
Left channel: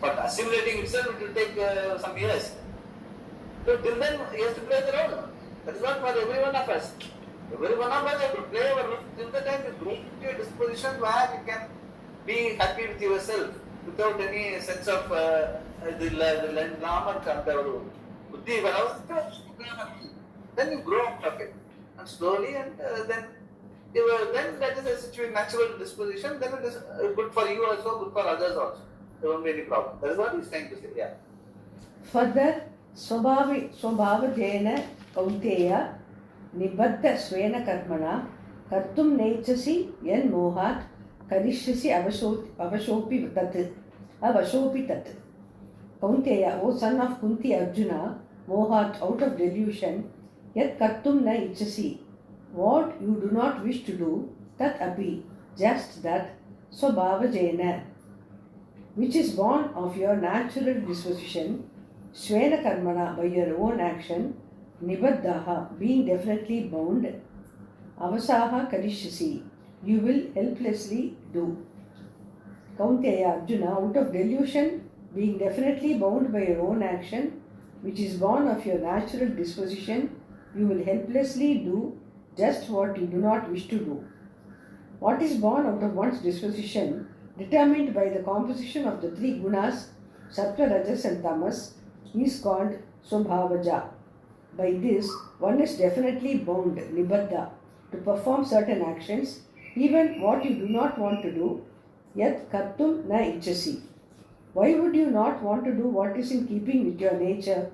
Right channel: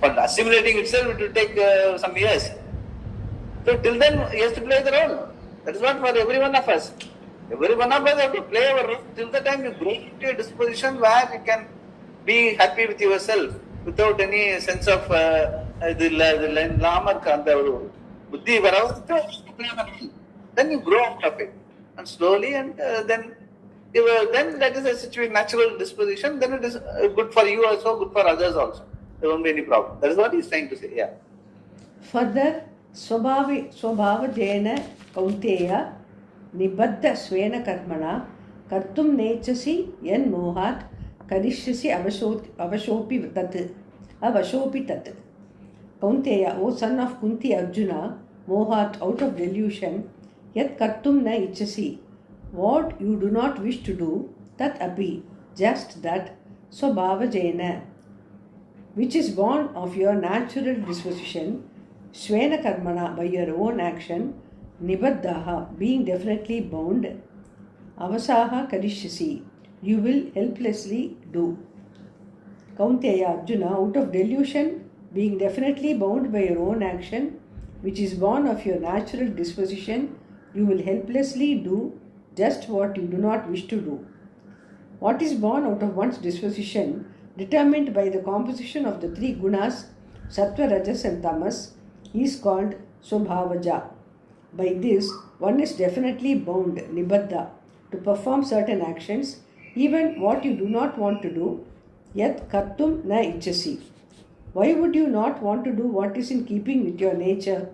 For assimilating itself, it will take some years. So till then, he has to play the role. That is what for every one of us. Every one of us have to play our role till the time you grow into a disposition where you can be happy with yourself without any sense of the lama kanta buddhi. Then you grow out of it. And slowly, and then that is a situation, natural disposition, then it is good for you also, good for others also. There won't be any problem. That is what he is trying to say. Yeah. Further, Swabhavajena Kaunteya Nibaddha Svena Karmana Kartum Nechasi Yen Mohat Karishyasi Avashopi Tat. Kaunteya, O son of Kunti Arjuna, Mohat, out of delusion, Yat Kartum Na Ichasi, what you do not wish to do, Tat Api, just that, Swabhavajena, which is born of your natural disposition, Svena Karmana, by your own action, Nibaddaha, being definitely bound, Avasaha Karishyasi, you will helplessly do. Kaunteya Arjuna, out of delusion, being definitely bound by your own action, which is born of your natural disposition, you will helplessly do just what you do not wish to do. What is born out of one's disposition, determined by the composition of the three gunas, Sattva, Rajas and Tamas, is called Swabhavaja. By this, one is definitely bound, Nibaddha, to perform certain actions, even what you do not want to do, yet kartum na ichasi. Why would you not want to do what is in keeping with your nature?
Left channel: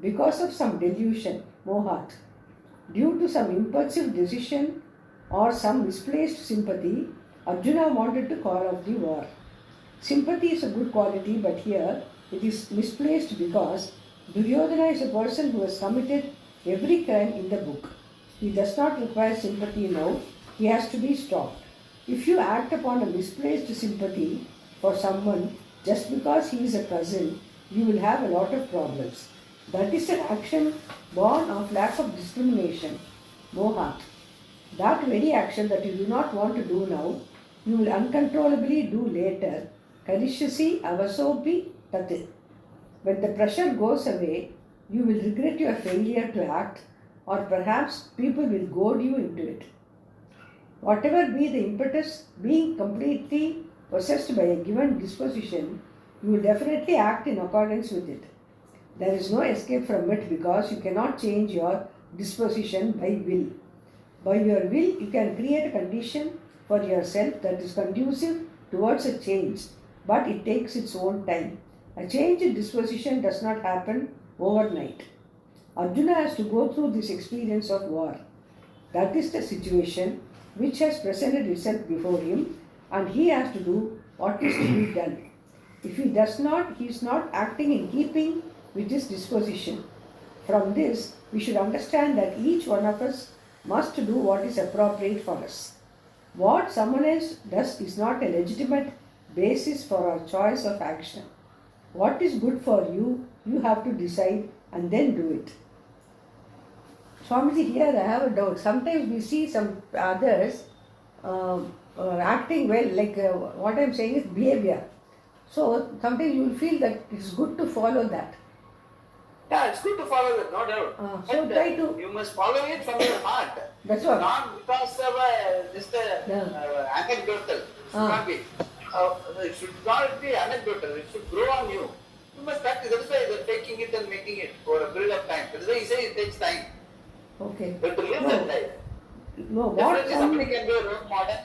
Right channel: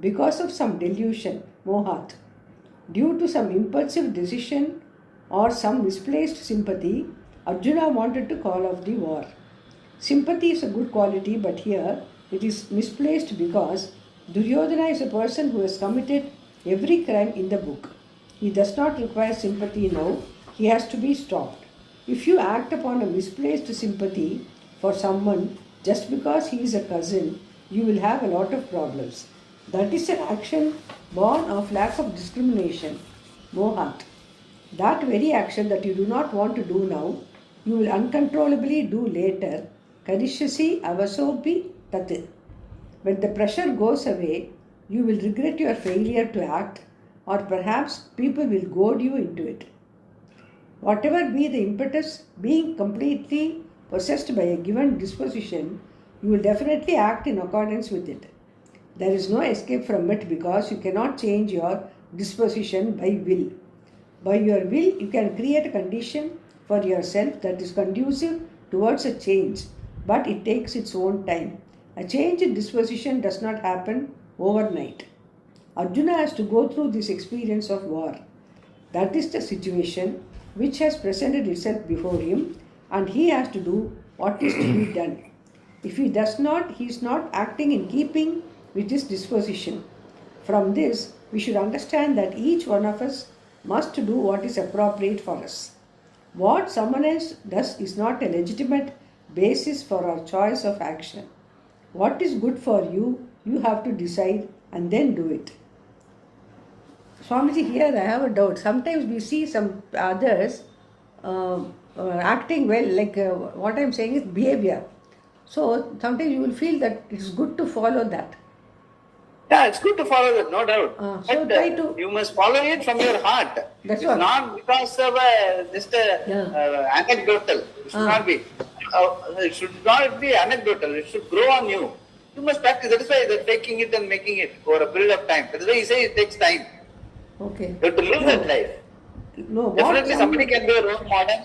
Because of some delusion, mohat. Due to some impulsive decision or some misplaced sympathy, Arjuna wanted to call off the war. Sympathy is a good quality, but here it is misplaced because Duryodhana is a person who has committed every crime in the book. He does not require sympathy now, he has to be stopped. If you act upon a misplaced sympathy for someone just because he is a cousin, you will have a lot of problems. That is an action born of lack of discrimination, mohat. That very action that you do not want to do now, you will uncontrollably do later, karishyasi avasopi tat. When the pressure goes away, you will regret your failure to act, or perhaps people will goad you into it. Whatever be the impetus, being completely possessed by a given disposition, you will definitely act in accordance with it. There is no escape from it because you cannot change your disposition by will. By your will, you can create a condition for yourself that is conducive towards a change, but it takes its own time. A change in disposition does not happen overnight. Arjuna has to go through this experience of war. That is the situation which has presented itself before him, and he has to do what is to be done. If he does not, he is not acting in keeping with his disposition. From this, we should understand that each one of us must do what is appropriate for us. What someone else does is not a legitimate basis for our choice of action. What is good for you, you have to decide and then do it. Swamiji, here I have a doubt. Sometimes we see some others acting well, like what I am saying is behavior. So sometimes you will feel that it's good to follow that. Yeah, it's good to follow that, no doubt. So but try to. You must follow it from your heart. That's it's what. not because of just anecdotal. It should not be. It should not be anecdotal. It should grow on you. You must practice. That is why they're taking it and making it for a period of time. That is why he says it takes time. Okay. You have to live that life. No, Definitely somebody can be a role model.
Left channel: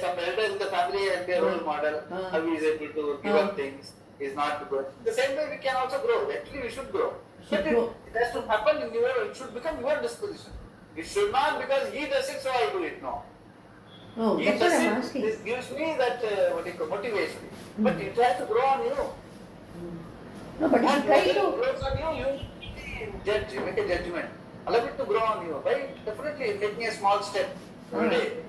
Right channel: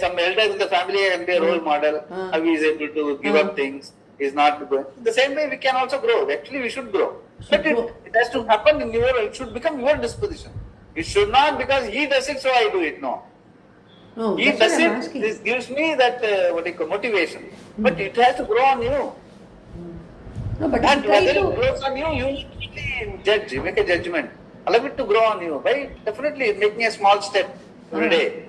Some elders in the family can be a role model. How he is able to give up things. Is not good. The same way we can also grow. Actually, we should grow. But it has to happen in your, it should become your disposition. It should not because he does it, so I do it. No. No, He that's does what I'm it, asking. this gives me that motivation. But it has to grow on you. No, but And you try whether it to. grows on you, you need to judge, make a judgment. Allow it to grow on you. By definitely making a small step every day.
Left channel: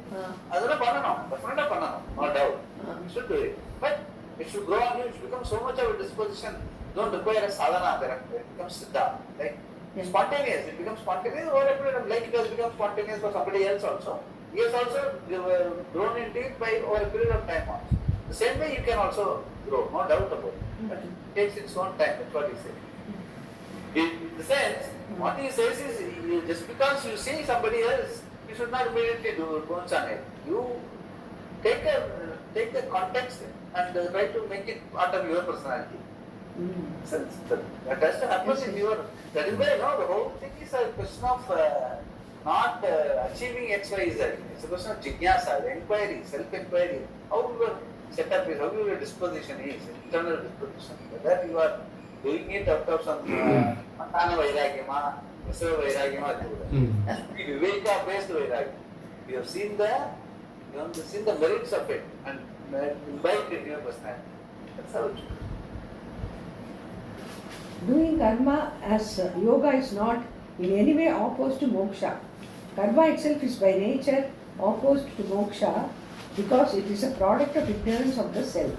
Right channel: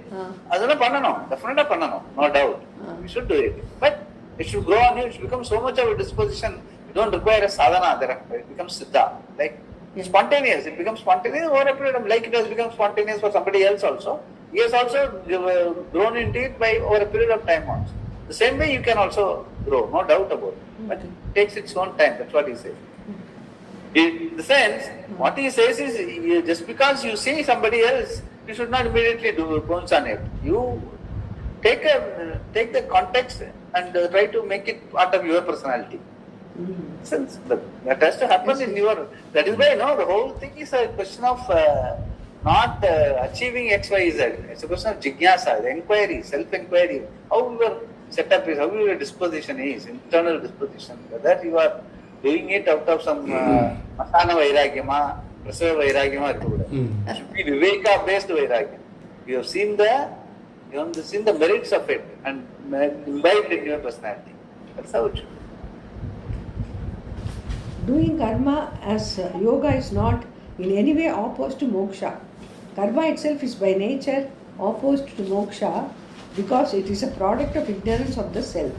Definitely no doubt. We should do it. But it should grow on you, it should become so much of a disposition. You don't require a sadhana there. It becomes siddha. Like spontaneous. It becomes spontaneous over a period of like it has become spontaneous for somebody else also. He has also grown into it by over a period of time also. The same way you can also grow, no doubt about it. But it takes its own time, that's what he says. In the sense, what he says is just because you see somebody else, you should not immediately do bones on it. You take the context and try to make it part of your personality. Since that has to happen in your. That is why the whole thing is a question of not achieving X, Y, Z. It's a question of jigyasa, inquiry, self-inquiry. How your setup is, how your disposition is, internal disposition. Whether you are doing it out of some asana vairagyama, prasava vairagyama, it should be viveka-based vairagya. You have seen the merits of it and imbibed in your personality. That's how it should be. Doing karma as yoga is not in any way opposed to moksha. Karma itself is by nature opposed to moksha because it is a product of ignorance of the self.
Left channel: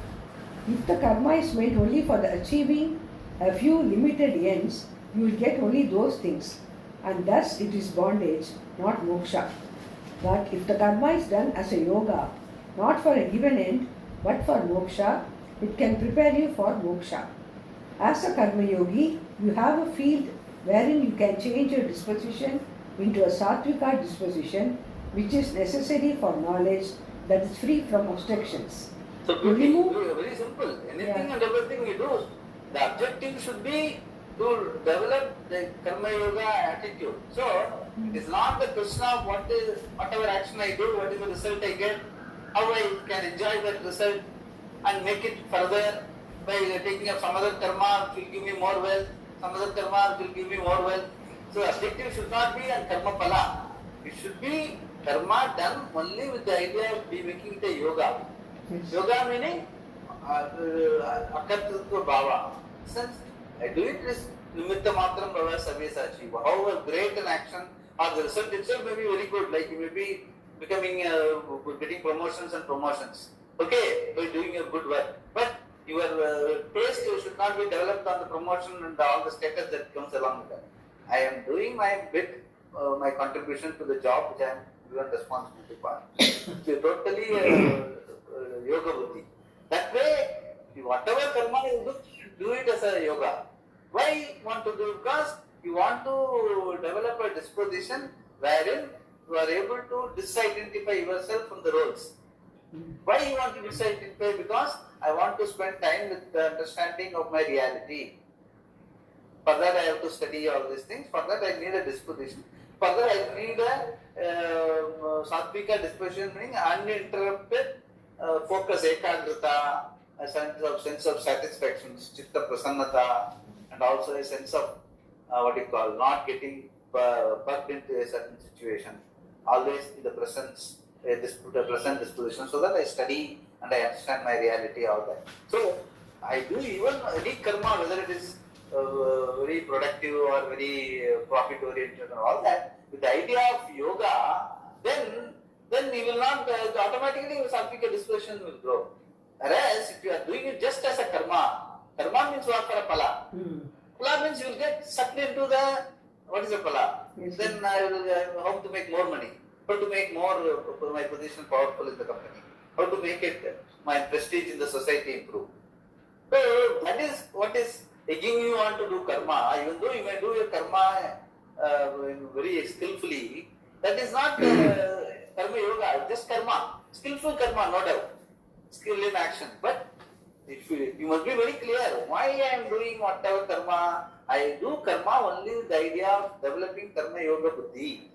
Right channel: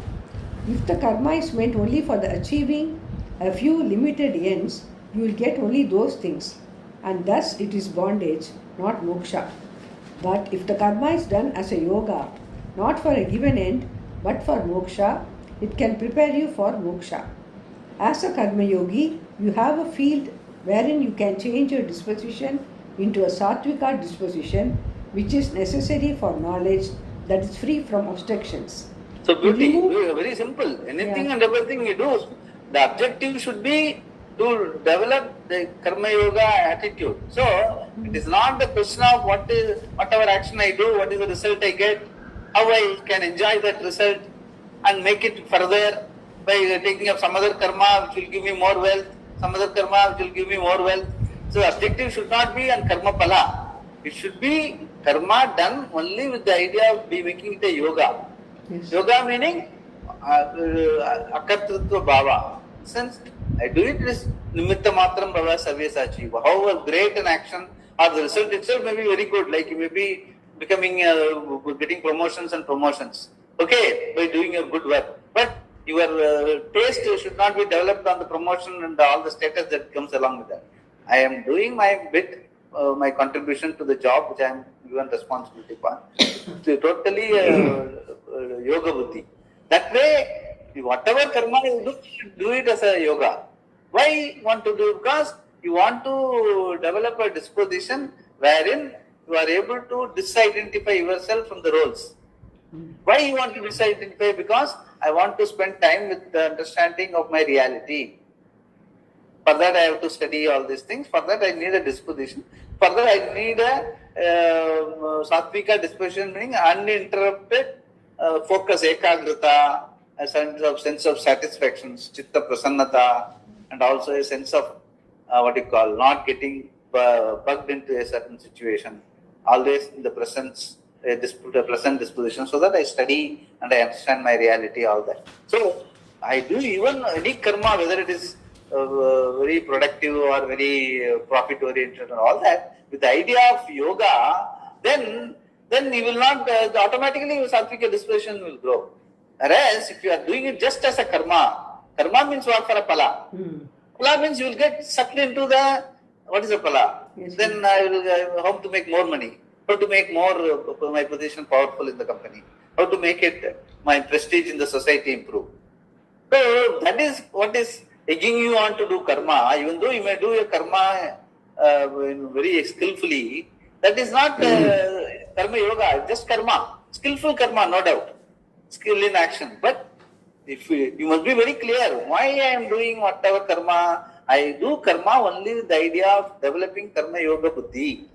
If the karma is meant only for the achieving a few limited ends, you will get only those things, and thus it is bondage, not moksha. But if the karma is done as a yoga, not for a given end, but for moksha, it can prepare you for moksha. As a karma yogi, you have a field wherein you can change your disposition into a sattvika disposition, which is necessary for knowledge that is free from obstructions. So beauty, very simple. Anything and everything you do, the objective should be to develop the karma yoga attitude. So it is not the question of whatever action I do, what is the result I get, how I can enjoy that result and make it further by taking up some other karma which will give me more wealth, some other karma which will give me more wealth. So the objective should not be on karma pala. It should be karma done only with the idea of making it a yoga. Yes. Yoga meaning akartritva bhava. Since I do it is nimitta matram bhava sarvesachi. However great an action or the result itself may be very good, like you may be becoming getting promotions and promotions. Okay, by doing a good work. But your taste should not be developed on the promotion and all the status that comes along with that. I am doing my bit, my contribution to the job which I am given responsibility for. So totally yoga buddhi. That way, whatever karma you do, you should do it as a yoga. Why you want to do? Because you want to develop a disposition wherein you are able to disidentify yourself from the roles. Why you want to disidentify? Because I want to spend time with the understanding of my reality. For that I have to study all these things. For that I need a disposition. Further, I need a sattvika disposition, meaning uninterrupted focus, ekagrata, a sense of satisfaction, chitta prasannata, and also a sense of not getting bugged into a certain situation. Always in the presence, a present disposition, so that I study and I understand my reality, all that. So I do even any karma, whether it is very productive or very profit oriented and all that, with the idea of yoga, then you will not automatically your sattvika disposition will grow. Whereas if you are doing it just as a karma means what for a pala? Pala means you will get sucked into the what is a pala? Yes, then I will hope to make more money, how to make more my position powerful in the company, how to make it my prestige in the society improve. So that is what is egging you on to do karma. Even though you may do your karma very skillfully, that is not karma yoga, just karma, skillful karma, no doubt, skill in action. But if you must be very clear why I am doing whatever karma. I do karma only with the idea of developing karma yoga buddhi.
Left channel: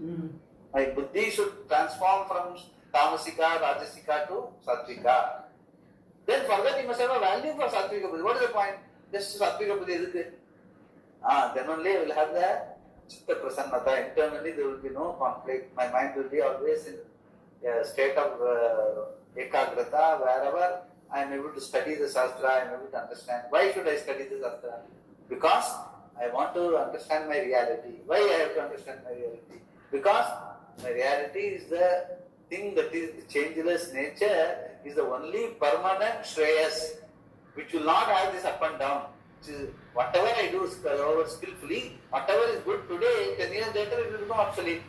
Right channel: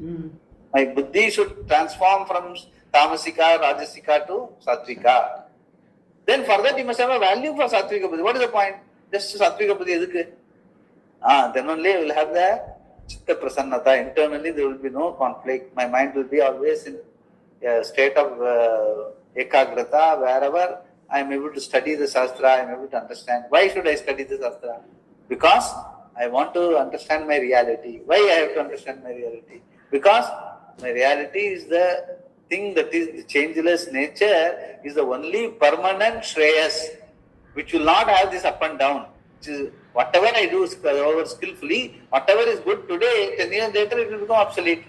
My buddhi should transform from tamasika, rajasika to sattvika. Then for that you must have a value for sattvika buddhi. What is the point? Just sattvika buddhi edukku? Then only you will have the chitta prasannata. Internally there will be no conflict. My mind will be always in a state of ekagrata, wherever I am able to study the Shastra, I am able to understand. Why should I study the Shastra? Because I want to understand my reality. Why I have to understand my reality? Because my reality is the thing that is the changeless nature, is the only permanent shreyas, which will not have this up and down. Which is whatever I do skillfully, whatever is good today, 10 years later it will become obsolete.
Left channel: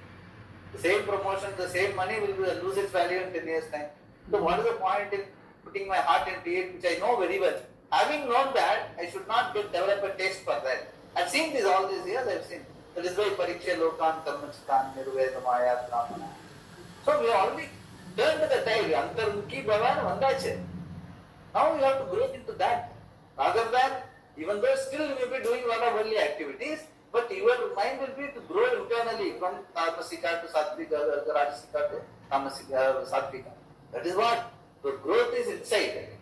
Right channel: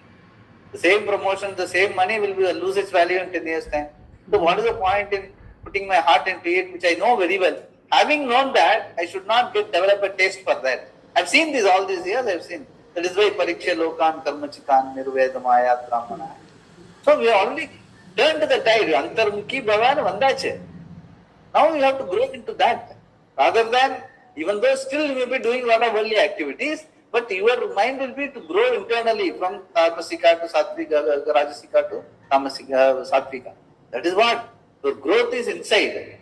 The same promotion, the same money will lose its value in 10 years' time. So what is the point in putting my heart into it, which I know very well? Having known that, I should not develop a taste for that. I've seen this all these years, I've seen. That is why pariksha lokan karmachikan nirvedamaya brahmana. So we have already turned to the tide. Antarmukhi bhavan vandache. Now we have to grow into that. Rather than, even though still you may be doing a lot of worldly activities, but your mind will be to grow internally from tamasika to sattvika, rajasika to tamasika, sattvika. That is what. The growth is inside.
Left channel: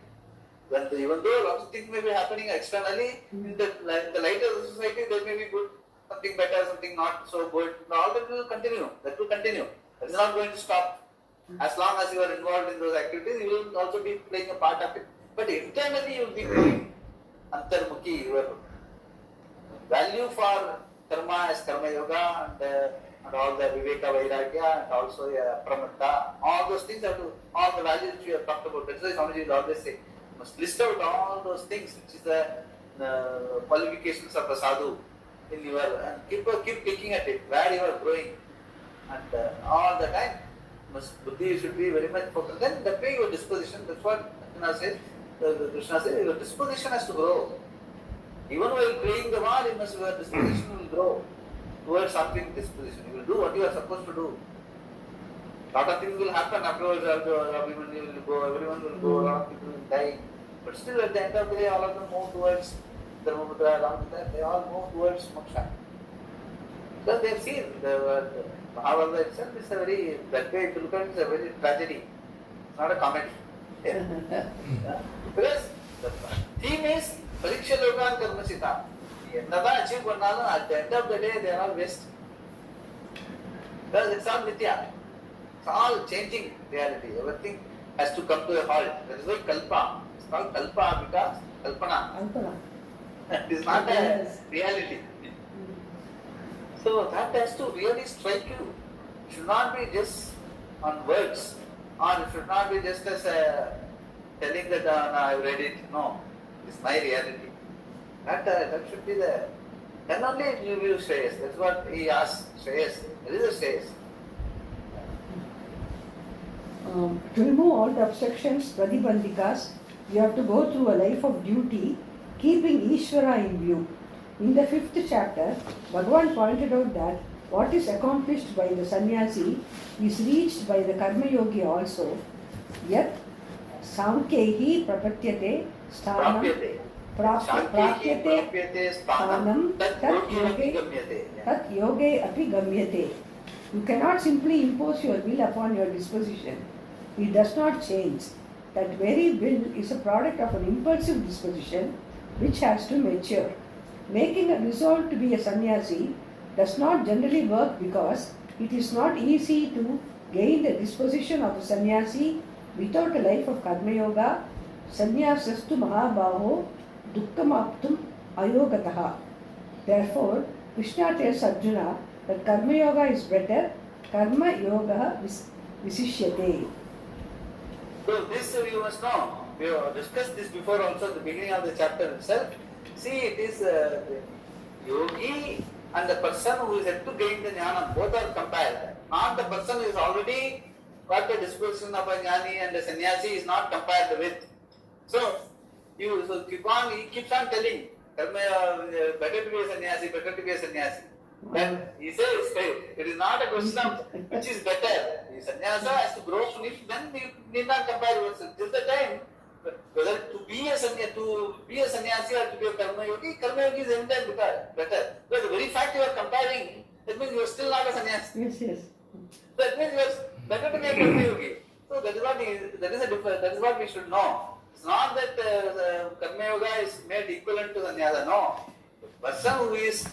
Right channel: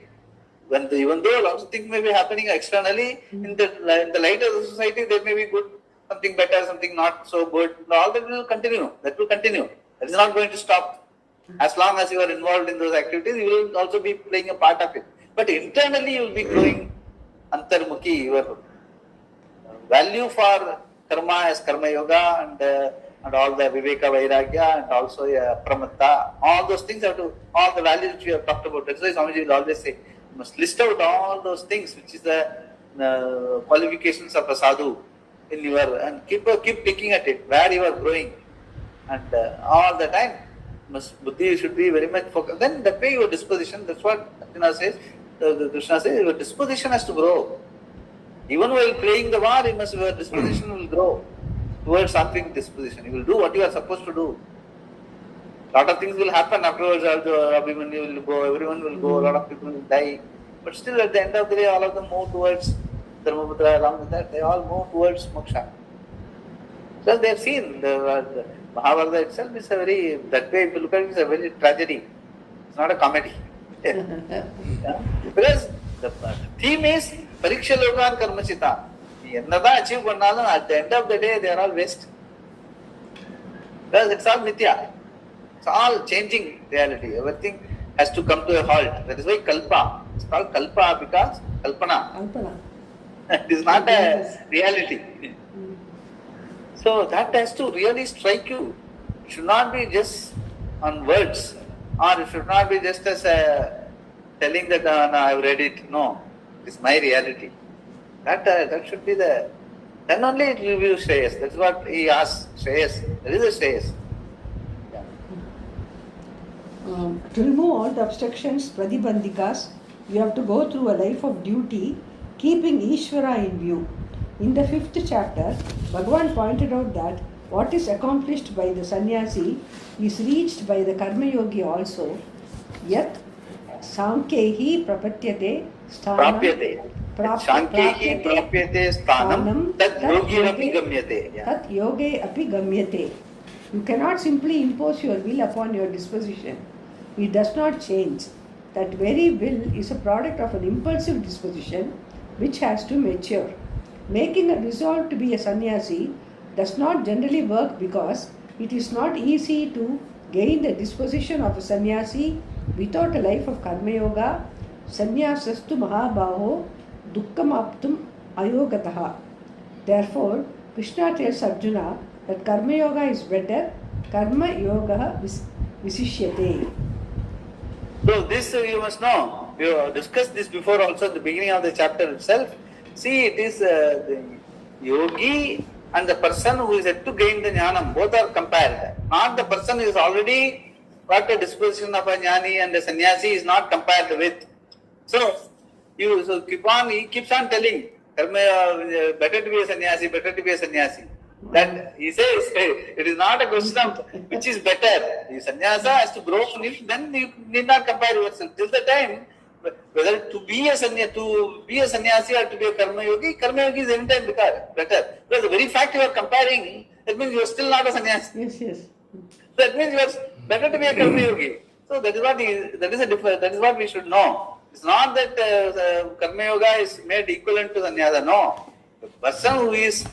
Even though lots of things may be happening externally, in the light of the society, there may be good, something better, something not so good. All that will continue. That will continue. That is not going to stop. As long as you are involved in those activities, you will also be playing a part of it. But internally, you will be growing antarmukhi. Your value for karma as karma yoga and all the viveka vairagya and also pramatta, all those things have to, all the values which we have talked about. That's why Swamiji will always say, you must list out all those things, which is the qualifications of a sadhu in your, and keep picking at it, where you are growing. And all the time, buddhi should be very much focused. Then that way your disposition, that's what Krishna says, your disposition has to grow. Even while playing the war, your disposition will grow towards something disposition. You will do what you are supposed to do. Lot of things will happen afterwards. Abhimanyu will go, everyone will go, a lot of people will die. But still at the end of the day, all of them move towards Dharmaputra. Along with that, they all move towards moksha. So they have seen the Mahabharata itself is a very, that way if you look at it, it's a very tragedy. It's not a comedy. Because the theme is pariksha lokan karmachita. என்னதான் achieve பண்ணாலும் at the end of the day they are all waste. Because it's all mithya. It's all changing reality. Everything has to come to a halt. That is why kalpa. It's called kalpa because kalpana. It is not a reality. So that has to really strike you. It should not be just on words, or it should not be just as telling that no, I've read it. No, it's my reality. That should be the. Then only it will be Shreyas. That's what he asks. Shreyas. There is a Shreyas. To remove all the obstructions, pradibandhikas, you have to go through a life of duty, keeping Ishvara in view. In the 5th chapter, Bhagavan pointed out that what is accomplished by the sannyasi is reached by the karma yogi also. Yet, sankhehi prapatyate sthanam. Sankhehi prapatyate sthanam tat yoge api gamyate. Tat yoge api gamyate. You cannot simply impose your will upon your disposition. It does not change. That very will is a product of an impulsive disposition which has to mature. Making a resolve to be a sannyasi does not generally work because it is not easy to gain the disposition of a sannyasi without a life of karma yoga. Sannyasastu mahabaho dukkam aptum ayogataha. Therefore, Krishna tells Arjuna that karma yoga is better. Karma yoga visishyate. So this you must know. We have discussed this before also at the beginning of the chapter itself. See, it is the yogi and the person who is yet to gain the jnanam. Both are compared. Not the person who is already got the disposition of a jnani and a sannyasi is not compared with. So he keeps on telling, better to be a sannyasi, better to be a sannyasi. That he says, it is not a question of which is better. The sannyasa has to grow on it, then you need not compare yourself. Till the time, whether to be a sannyasi or to be a karma yogi is any time better. Because the very fact you are comparing, that means you are still not a sannyasi. Yes. That means you are better to be a karma yogi. So that is what we should know. It's not that karma yoga is made equivalent to sannyasa. No. The person who is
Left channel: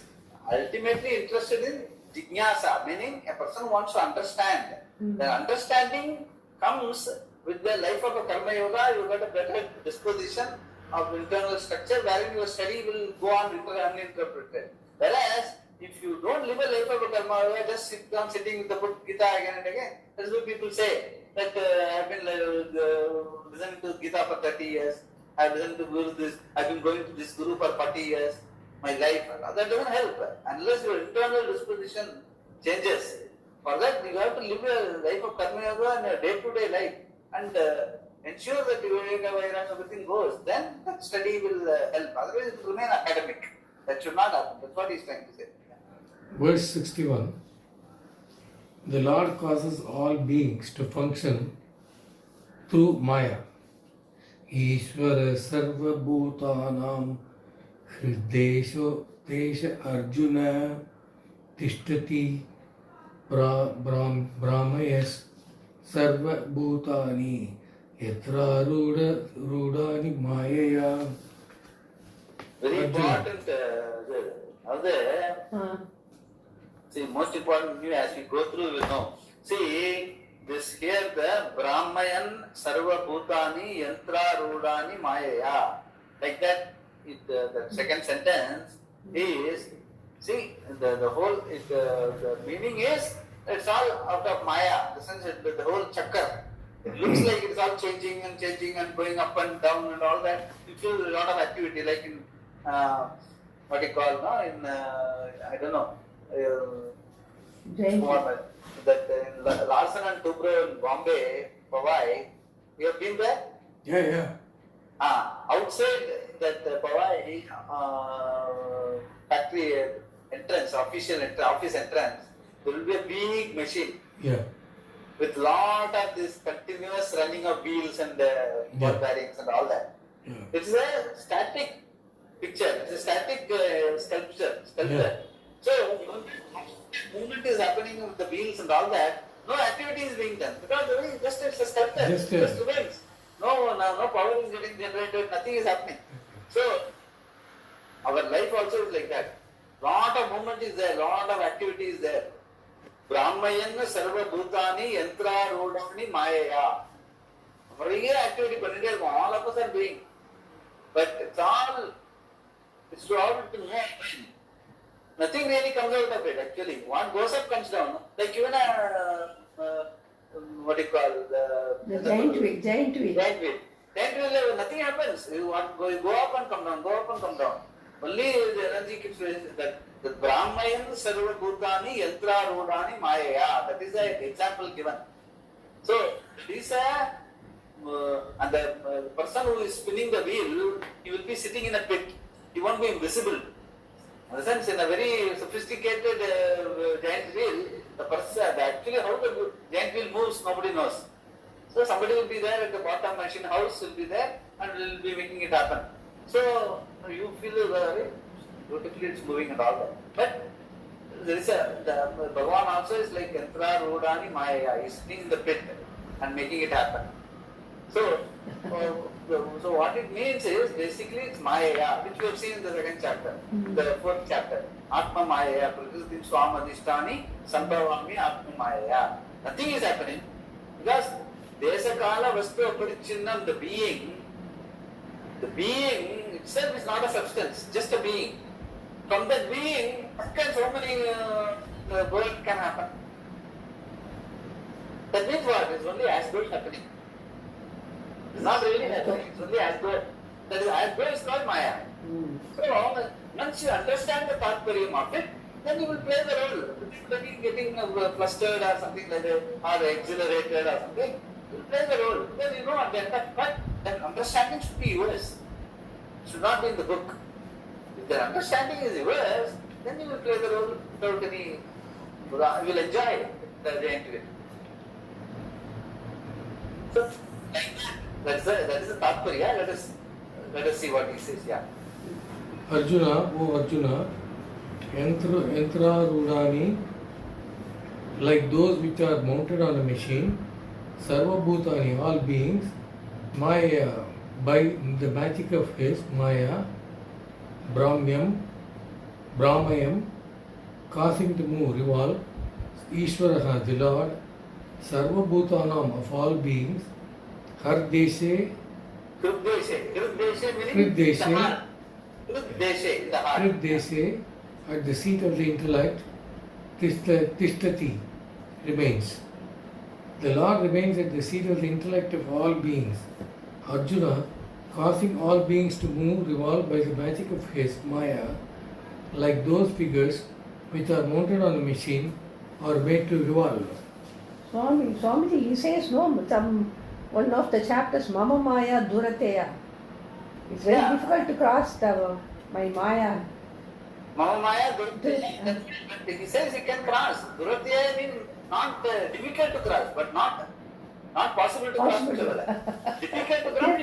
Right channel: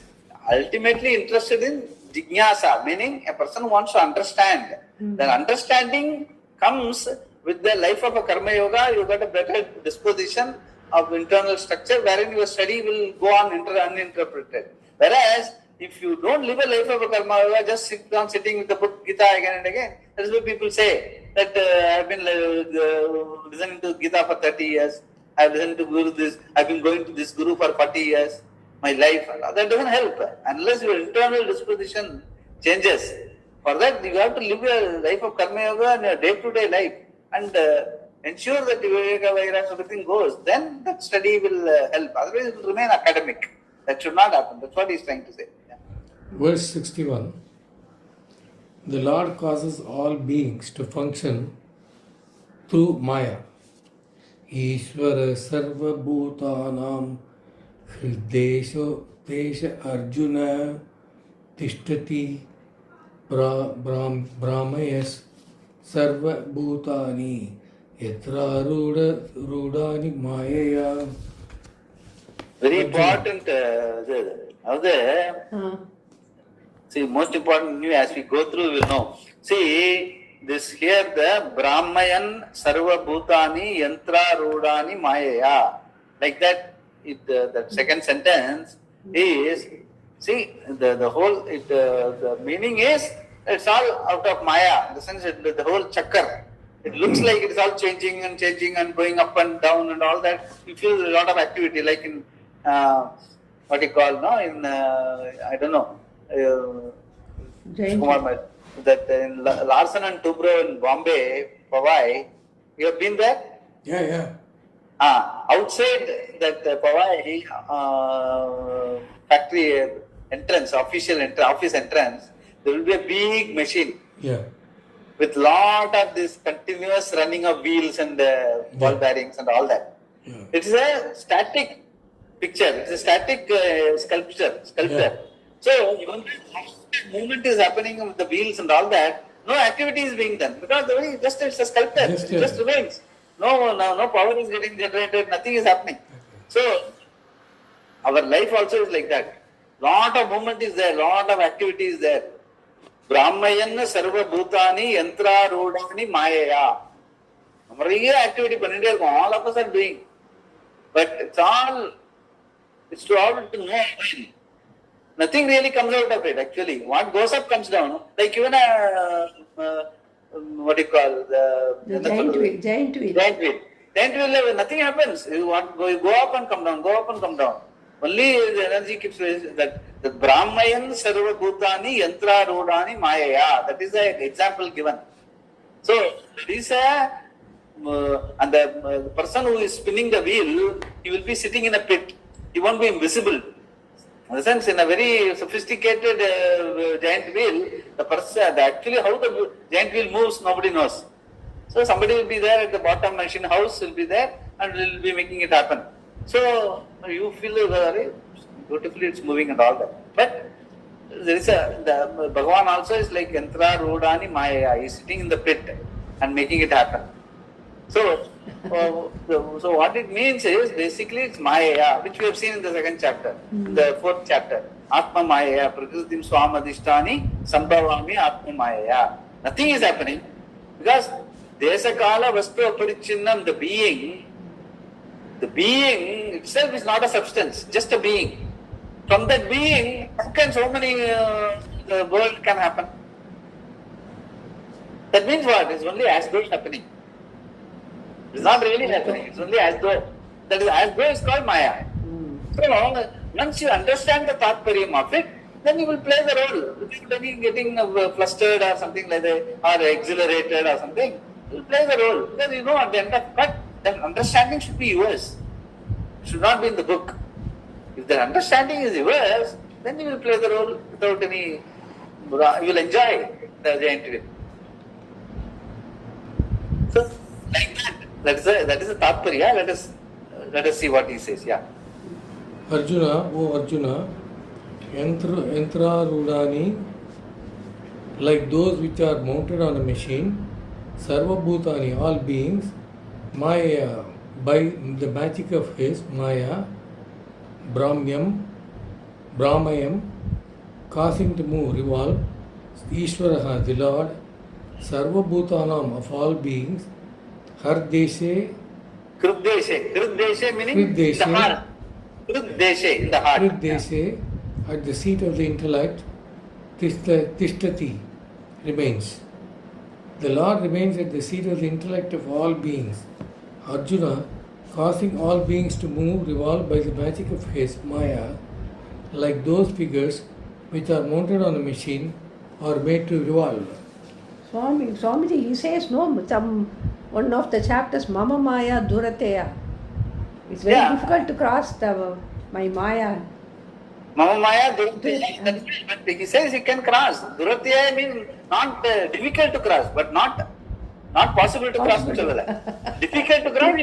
ultimately interested in jignasa, meaning a person who wants to understand. The understanding comes with the life of a karma yoga. You got a better disposition of internal structure wherein your study will go on uninterpreted. Whereas if you don't live a life of a karma yoga, just sit down sitting with the book Gita again and again, that is what people say. That I've been listening to Gita for 30 years. I've listened to Guru this. I've been going to this Guru for 40 years. My life, that doesn't help unless your internal disposition changes. For that, you have to live a life of karma yoga and your day-to-day life and ensure that Viveka Vairagya everything goes. Then that study will help. Otherwise, it will remain academic. That should not happen. That's what he is trying to say. Yeah. Verse 61. The Lord causes all beings to function through Maya. Ishvara sarva bhutanam Hridesho Desha Arjuna Tishtati Brahmayas Sarva Bhutani Yatra Rudani Mayaya. Very important. See, most important new as we go through, we will know. See, this here the Brahmayan Sarva Bhutani Yantra Rudani Mayaya. Like that. The second sentence is, see, the whole, the meaning is, it's all out of Maya. In the sense, the whole chakra. It looks like it's all changing and going up and down and all that. You feel a lot of activity, like in, what you call, no? In, I don't know, that in Larsen and Toubro in Bombay, Powai, you have been there? Yeah. Outside that Powai factory entrance, office entrance, there will be a big machine. Yeah. With lot of this continuous running of wheels and ball bearings and all that. Yeah. It is a static picture. It's a static sculpture. Yeah. So even the movement is happening with the wheels and all that, no activity is being done because the way it's a sculpture. It just remains. No power is getting generated, nothing is happening. So, our life also is like that. Lot of movement is there, lot of activity is there. Brahmayan sarva bhutani yantra rodani mayaya. Activity, all of us are doing. But it's to all to know. Nothing really comes out of it actually. What goes up comes down. Like even what do you call the giant wheel. Giant wheel, nothing happens. You go up and come down. Only the energy keeps that the Brahmayan Sarva Bhutani Yantra Rodani Mayaya. That is the example given. So this and the person who is spinning the wheel, he will be sitting in a pit. He won't be invisible. In the sense, in a very sophisticated giant wheel, actually how the giant wheel moves, nobody knows. So somebody will be there at the bottom, machine house will be there and will be making it happen. So you feel very beautifully it's moving and all that. But there is the Bhagavan also is like Yantra Rodani Maya. He is sitting in the pit and making it happen. So, so what it means is basically it's Maya, which we have seen in the second chapter, in the fourth chapter. Atma Maya, Prakritim Swamadhishtani, Sambhavami Atma Maya. Nothing is happening because Desakala Vastu Aparichinnam, the being itself is not a substance, just a being. From that being, how can so many the world can happen? That means what? It's only as though it's happening. It's not really happening. It's only as though. That is as though is called Maya. So once you understand the Tatparyam of it, then you will play the role. Without getting flustered or something like that, or exhilarated or something, you will play the role. Then you know at the end of but then understanding should be yours. It should not be in the book. If the understanding is yours, then you will play the role without any. You will enjoy the interview. So like that. That is the Tatparya. Let us see what he says. Yeah. Arjuna, O Arjuna, Yantra Rudani, like those which are mounted on a machine, Sarva Bhutani, all beings, Maya, by the magic of his Maya, Brahmayam, causing to move, revolve, Ishvaraha, the Lord, Sarva Bhutanam, of all beings, Hardeshe, Krudeshe meaning the heart. Krudeshe in the heart. Krudeshe, at the seat of the intellect, Tishtati, remains. The Lord remains at the seat of the intellect of all beings. Arjuna, causing all beings to move, revolve by the magic of his Maya, like those figures which are mounted on a machine or made to revolve. Swamiji, he says no, one of the chapters, Mama Maya Durateya. It's very difficult to cross my Maya. Mama Maya Durateya. But he says he can cross. Durateya means not difficult to cross, but not possible to cross. Difficult to cross,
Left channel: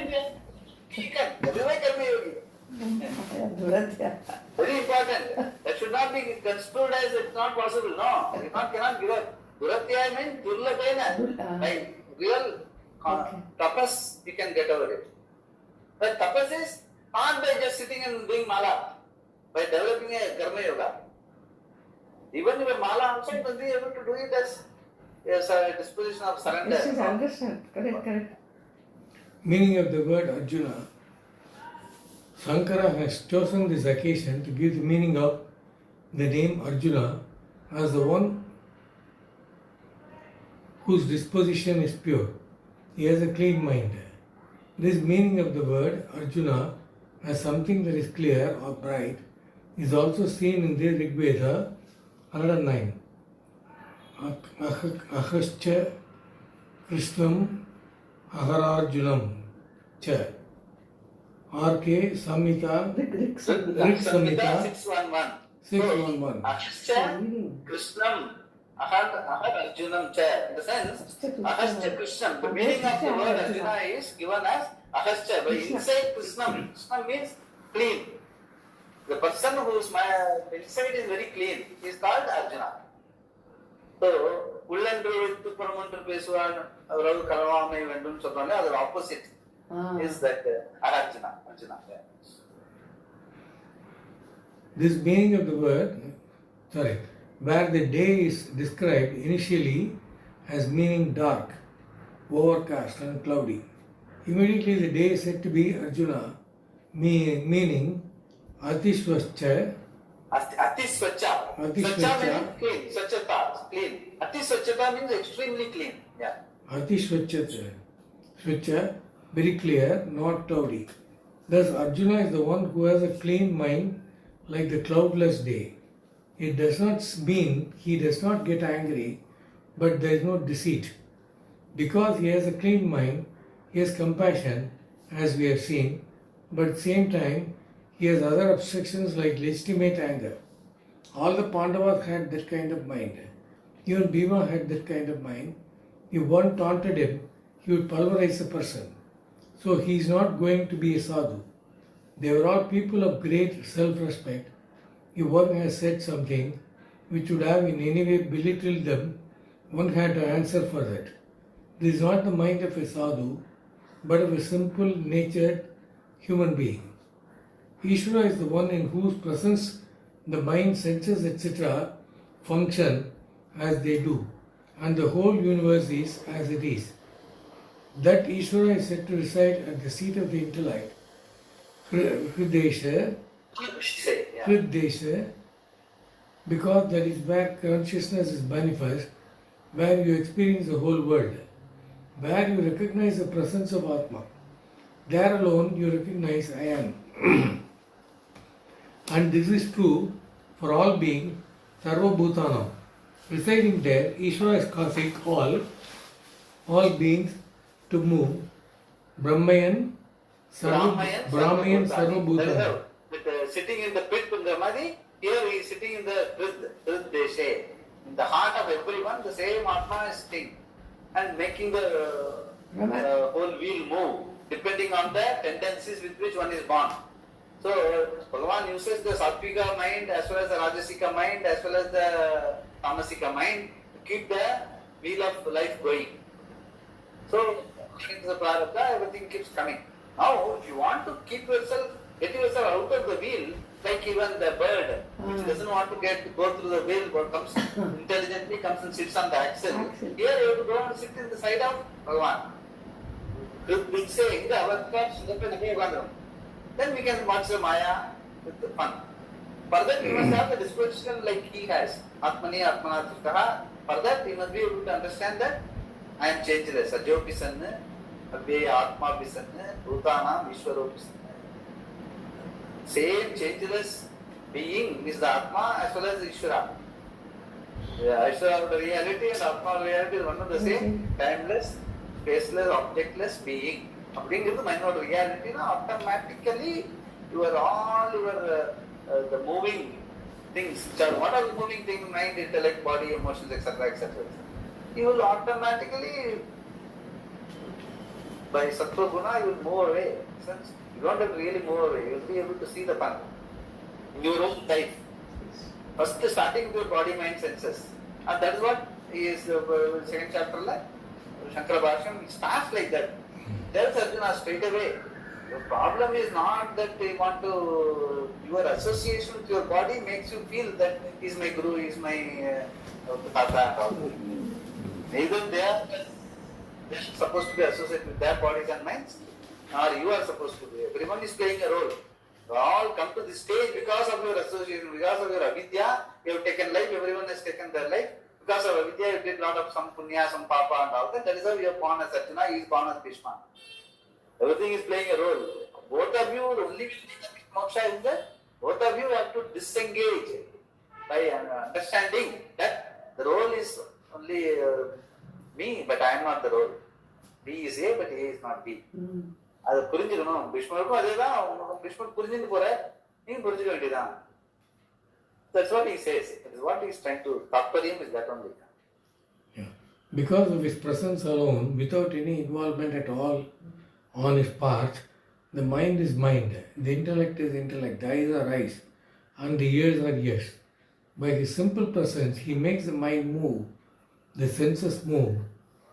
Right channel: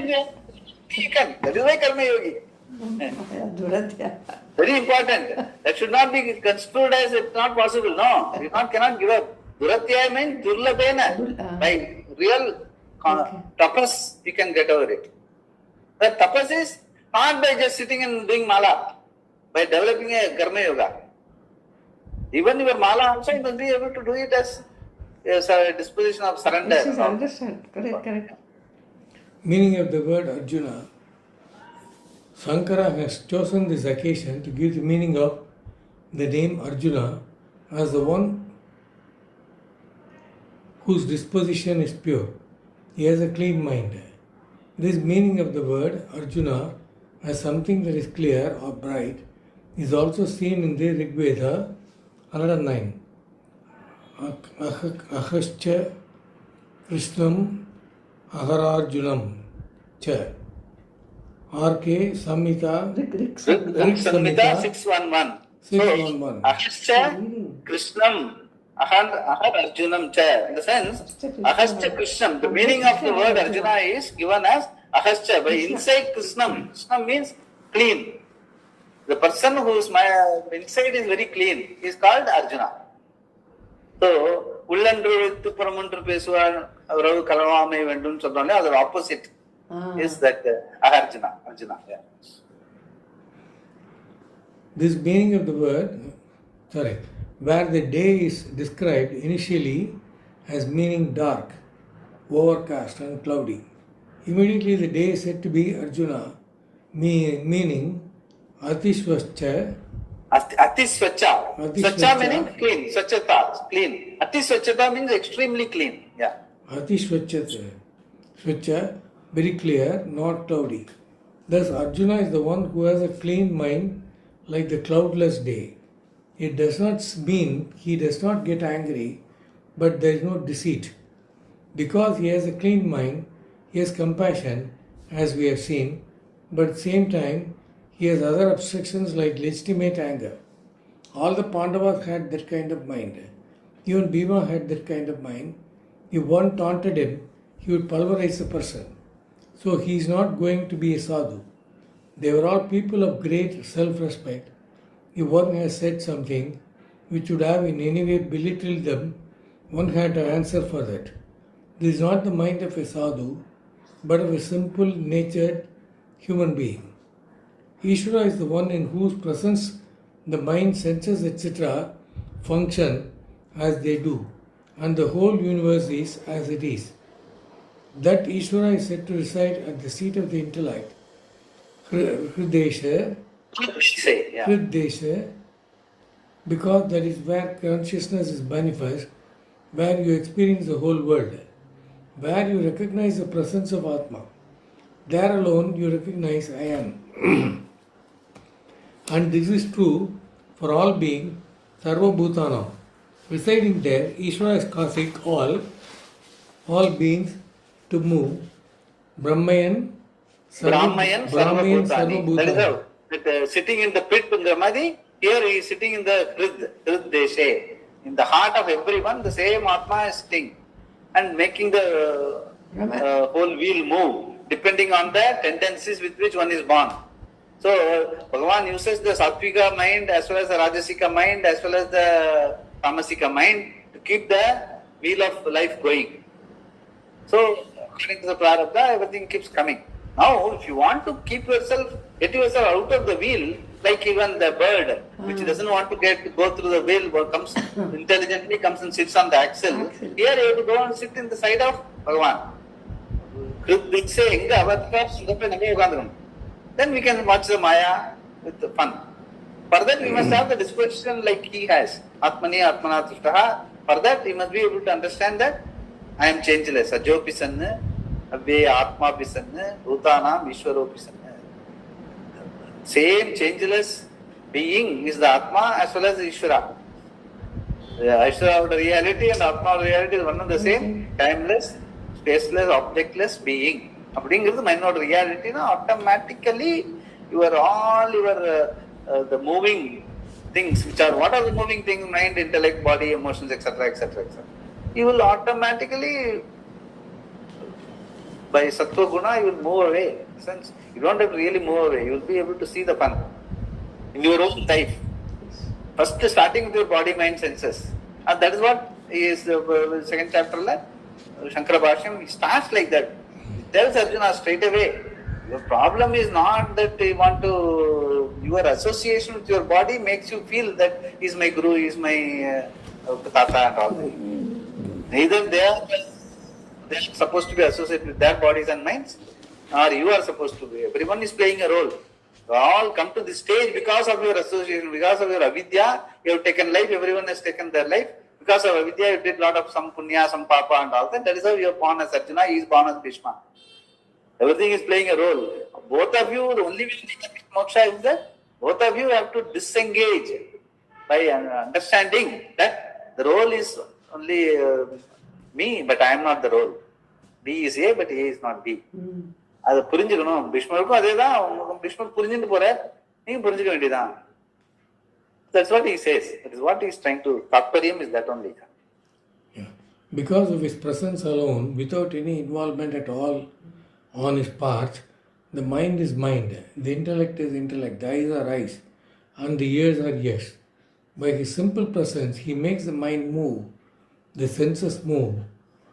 you can. That is why Karma Yogi. Durateya. Very important. That should not be construed as it's not possible. No, you cannot give up. Durateya means Durlabena. By real tapas, you can get over it. The tapas is not by just sitting and doing mala, by developing a karma yoga. Even your mala also, you will be able to do it as a disposition of surrender. Yes, I understand. Correct. Meaning of the word Arjuna, Shankara has chosen this occasion to give the meaning of the name Arjuna as the one whose disposition is pure. He has a clean mind. This meaning of the word Arjuna as something that is clear or bright is also seen in the Rig Veda 109. Ahascha Krishnam Ahararjunam Cha. R.K. Samhita Rig Samhita 611. 611. Ahascha Krishnam Ahar Arjunam Cha. In the sense, Ahascha Krishnam. The meaning of the word Arjuna is given as Ahascha. By inside Krishnam. Krishnam means clean. The person whose inside is very clean is called Arjuna. So, உள்ளன்று வைத்து புறமொன்று பேசுவார் அவரது கலவாமை வேண்டும் சொல்றாங்க அதோட opposite is that Arjuna. Yeah. This meaning of the word, where the day is described initially as meaning dark, overcast and cloudy. Immediately the day is said to be Arjuna, meaning Atishvascha. Atisvacha. Svacha meaning clean. Svachata, clean. Atisvachata means extremely clean. Yeah. Atisvachata. Svacha, very clear, not cloudy. Thus Arjuna is the one who has a clean mind like the cloudless day. It does not mean he does not get angry, but there is no deceit. Because he has a clean mind, he has compassion, as we have seen, but at the same time, he has other obstructions like legitimate anger. All the Pandavas had that kind of mind. Even Bhima had that kind of mind. If one taunted him, he would pulverize the person. So he is not going to be a sadhu. They were all people of great self-respect. If one has said something which would have in any way belittled them, one had to answer for that. This is not the mind of a sadhu, but of a simple natured human being. Ishvara is the one in whose presence the mind, senses, etc. function as they do, and the whole universe is as it is. That Ishvara is said to reside at the seat of the intellect, Hridesha, Hridesha, because that is where consciousness is manifest, where you experience the whole world, where you recognize the presence of Atma. There alone you recognize I am. And this is true for all being, Sarva Bhutanam. Residing there, Ishvara is causing all beings to move. Brahmayan, Brahmayan Sarva Sarva Bhutani. That is Bhutani. how. Sitting in the pit Pungamadi, here he is sitting in the Hrid Deshe. In the heart of everyone, the same Atma is sitting and making the whole wheel move, depending on the tendencies with which one is born. So, Bhagavan uses the Sattvika mind as well as the Rajasika mind as well as the Tamasika mind to keep the wheel of life going. So, according to the Prarabdha, everything keeps coming. Now, if you want to keep yourself, get yourself out of the wheel, like even the bird, which doesn't want to go through the wheel, but comes intelligently comes and sits on the axle. Here you have to go and sit in the side of Bhagavan. Then we can watch the Maya with the fun. For that we must have the disposition like he has. Atmani Atmana Tushtaha. For that we must be able to understand that I am changeless. Ajopi Sanna, Abhe Atma Pisanna, Bhutana, Vishwaro Pisanna. Same changeless being is the Atma as well as the Ishvara. The Ishvara of the reality and Atma of the reality is one and the same. Timeless, spaceless, objectless being. அப்படிங்கிறது மைண்டோட ரியாலிட்டினா automatically the moving things, which are what are the moving things, mind, intellect, body, emotions, etc., etc., etc. You will automatically, by sattva guna, you will move away. Since you don't have to really move away, you will be able to see the fun in your own life. First, starting with your body, mind, senses, and that is what is the second chapter. Shankara Bhashyam, it starts like that. Tells Arjuna straight away, your problem is not that you want to, your association with your body makes you feel that he is my guru, he is my tata and all. Neither they are supposed to be associated with their bodies and minds, or you are supposed to be. Everyone is playing a role. You all come to this stage because of your association, because of your avidya, you have taken life, everyone has taken their life. Because of avidya, you did a lot of some punya, some papa and all that. That is how you are born as Arjuna, he is born as Bhishma. Everything is playing a role. Both of you, the only way to get moksha is that both of you have to disengage by understanding that the role is only me, but I am not the role. B is A, but A is not B. அதை புரிஞ்சுக்கணும். பீஷ்மருக்கும் அதே தான். பீஷ்மர் புரிஞ்சுட்டு போற, நீங்க புரிஞ்சுக்க வேண்டியதான். That's what he says. That is what he is trying to. Tattvaryam is that only. Yeah. Because of his presence alone, without any involvement at all on his part, the mind is mind, the intellect is intellect, the eyes are eyes, and the ears are ears. By his simple presence, he makes the mind move, the senses move,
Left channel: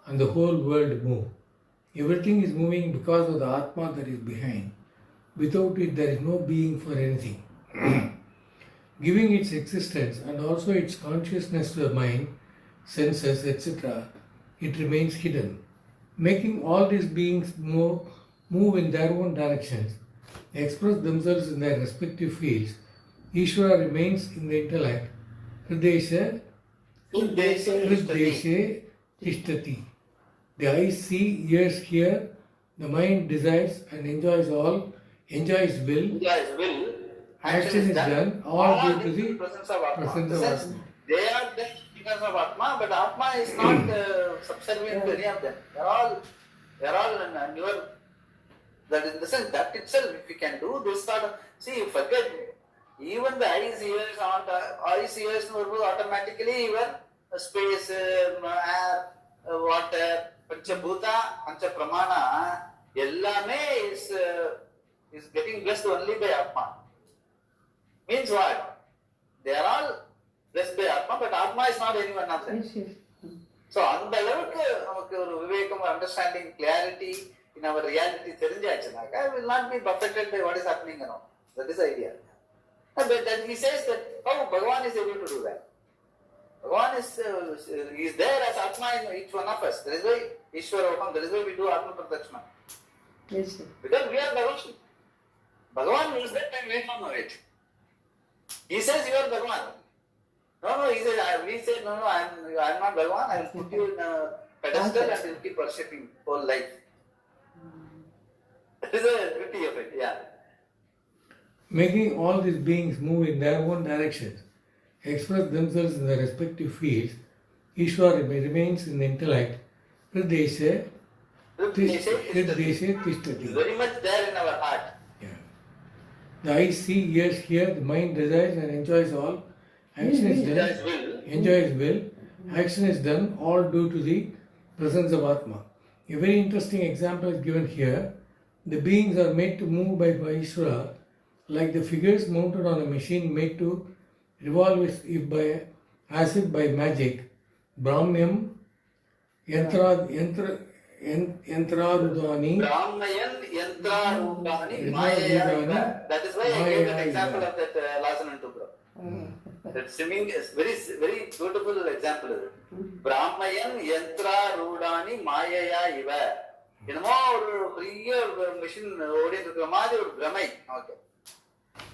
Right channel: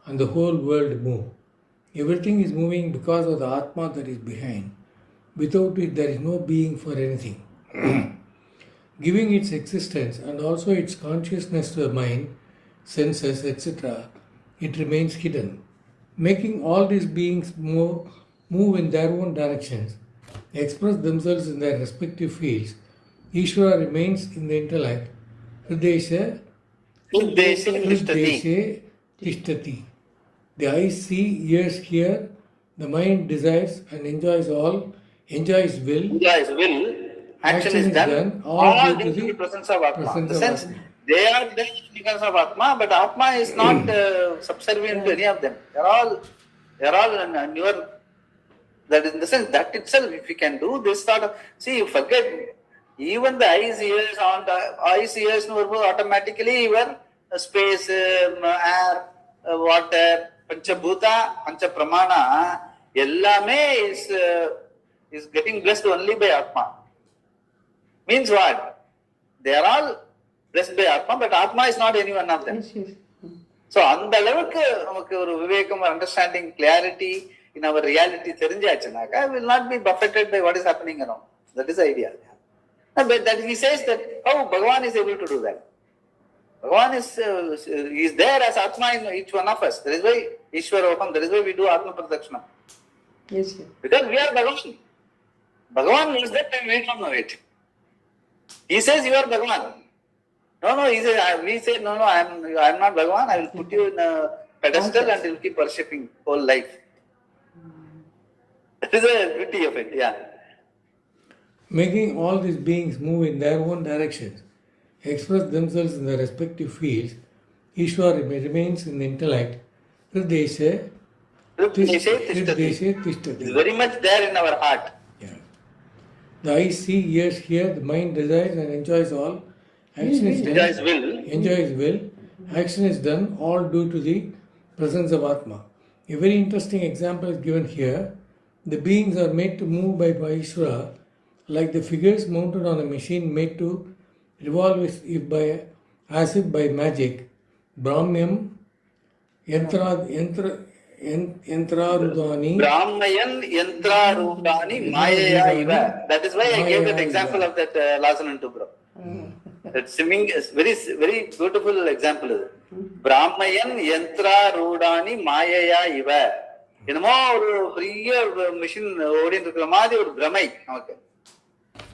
and the whole world move. Everything is moving because of the Atma that is behind. Without it, there is no being for anything. Giving its existence and also its consciousness to the mind, senses, etc., it remains hidden. Making all these beings move in their own directions, express themselves in their respective fields, Ishvara remains in the intellect. Hridesha Tishtati. The eyes see, ears hear, the mind desires and enjoys will, action is done, all due to the presence of Atma. In the sense, they are there because of Atma, but Atma is not subservient to any of them. They are all in your, that in the sense, that itself, if you can do this sort of, see, you forget, even the eyes, ears, automatically your space, air, water, Panchabhuta, Panchapramana, ellame is getting blessed only by Atma. Means what? They are all blessed by Atma, but Atma is not any one of them. Yes, yes. So, அந்த அளவுக்கு நமக்கு ஒரு விவேகம், understanding, clarity in our reality தெரிஞ்சாச்சுனாக்கா, will not be buffeted by what is happening around. That is the idea. But that he says that how Bhagavan is able to do that. Bhagavan is there as Atma in each one of us. That is why Ishwaroham, that is why we do Atma Pradakshina. Yes, yes. Because we are Bhagavan. Bhagavan knows that and we don't know it. He says you are Bhagavan. No, he says, we say, no, I am not Bhagavan. I will put you in a pedestal and you will keep worshipping whole life. That is the beauty of it, yeah. Making all these beings move in their own directions, express themselves in their respective fields, Ishwar remains in the intellect. Hrideshe Tishtati. It's very much there in our heart. Yeah. The eyes see, ears hear, the mind desires and enjoys all. Action is done. Enjoys will. Action is done, all due to the presence of Atma. A very interesting example is given here. The beings are made to move by Ishvara, like the figures mounted on a machine made to revolve as if by magic. Brahmyam Yantrarudani. Brahmayan Yantrarudani Mayaya Iva. That is why I gave that example of that Lasanan to Bro. That swimming is very, very beautiful example. Brahmayan Yantrarudani Mayaya Iva. என்னமோ ஒரு பெரிய machine ஓடிட்டு இருக்கிற மாதிரி ஒரு பிரமை நமக்கு.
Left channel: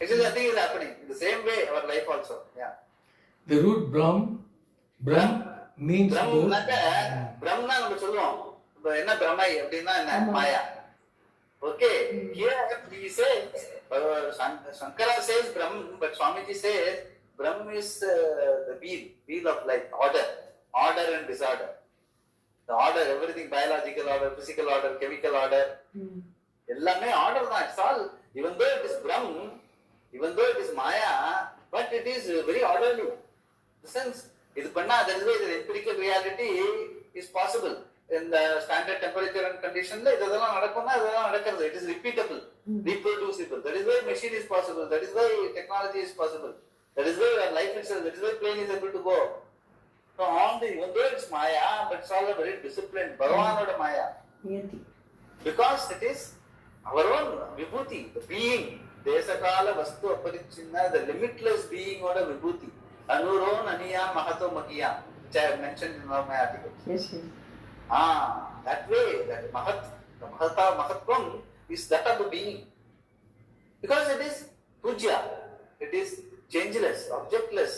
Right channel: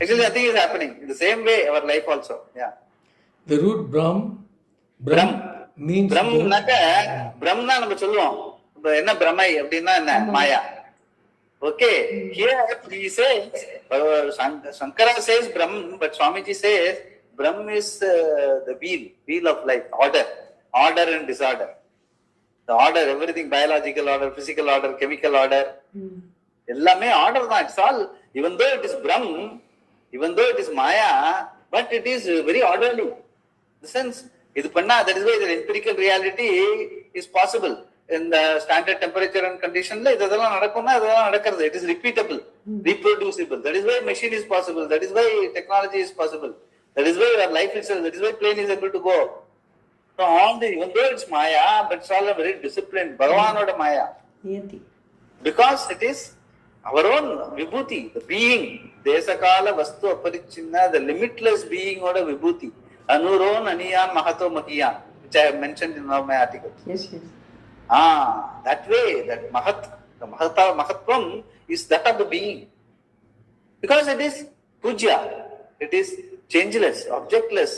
Actually, I think it's happening in the same way our life also. Yeah. The root Brahm means பிரம்னா நம்ம சொல்லுவோம். என்ன பிரமை அப்படின்னா என்ன? மாயா. Okay. Here he says, Shankara says Brahm, but Swamiji says Brahm is the wheel of life, order and disorder. The order, everything, biological order, physical order, chemical order. Ellame order தான். It's all, even though it is Brahm, even though it is Maya, but it is very orderly. In the sense, that is why the empirical reality is possible. In the standard temperature and condition, it is repeatable, reproducible. That is why machine is possible. That is why technology is possible. That is why our life itself, that is why plane is able to go. So all the, even though it's Maya, but it's all a very disciplined, Bhagavan or Maya. Because it is our own Vibhuti, the being, Desakala Vastu Aparichinna, the limitless being or a Vibhuti. Anuron, Aniyan, Mahato, Mahiyan, which I have mentioned in one of my articles. Yes, yes. That way, that Mahatvam is that of the being. Because it is Puja, it is changeless, objectless.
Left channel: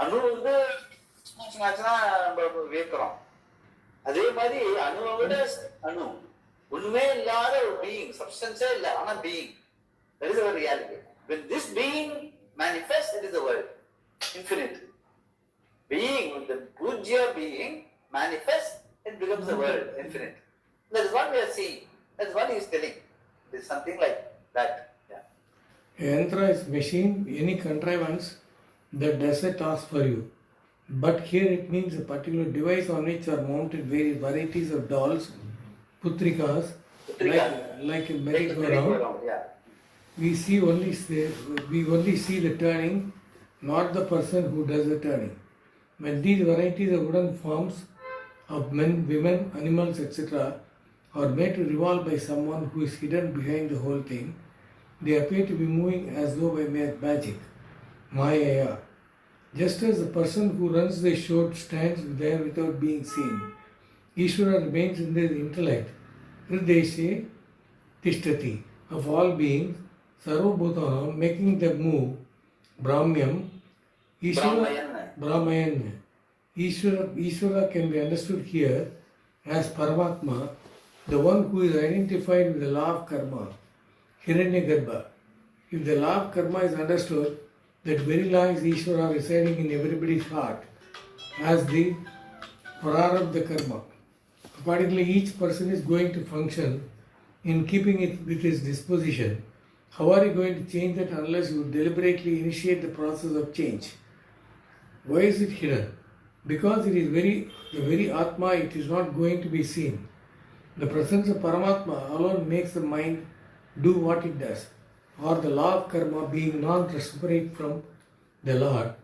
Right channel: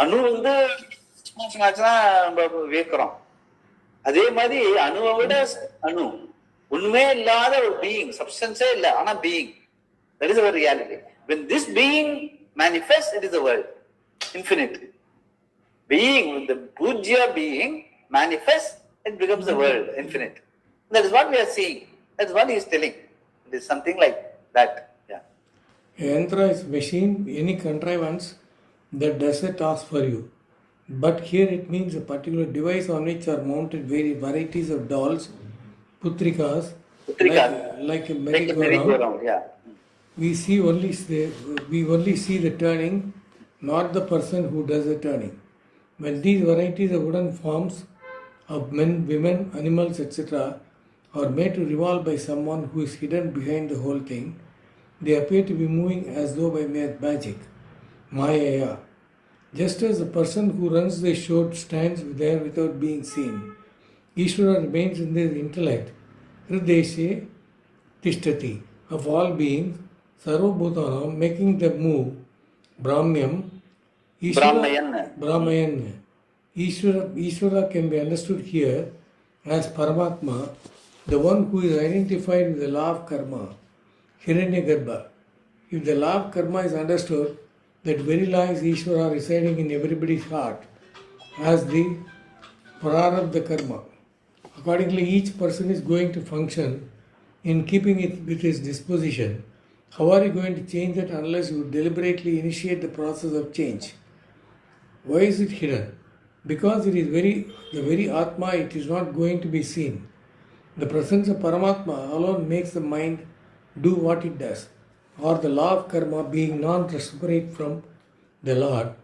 அணு வந்து வியக்கிறோம். அதே மாதிரி அணுவை விட அணு உண்மையே இல்லாத ஒரு பீயிங், சப்ஸ்டன்ஸே இல்லை, ஆனா being. That is our reality. When this being manifests, it is the world, infinite. Being, when the Pujya being manifests, it becomes the world, infinite. That is what we are seeing. That is what he is telling. It is something like that. Yeah. Yantra is machine, any contrivance that does a task for you. But here it means a particular device on which are mounted various varieties of dolls, putrikas. Like a merry-go-round. Yeah. We only see the turning, not the person who does the turning. When these varieties of wooden forms of men, women, animals, etc. are made to revolve by someone who is hidden behind the whole thing, they appear to be moving as though by magic. Maya. Just as the person who runs the show stands there without being seen, Ishvara remains in the intellect, Hrideshe Tishtati, of all beings, Sarvabhutanam, making them move, Brahmyam, Brahmayan. Ishvara can be understood here as Paramatma, the one who is identified with the law of karma, Hiranyagarbha. If the law of karma is understood, that very law is Ishvara residing in everybody's heart as the prarabdha karma. Accordingly, each person is going to function in keeping it with his disposition. How are you going to change that unless you deliberately initiate the process of change? Why is it hidden? Because it is the very Atma, it is not going to be seen. The presence of Paramatma alone makes the mind do what it does. Or the law of karma being non-separate from the Lord,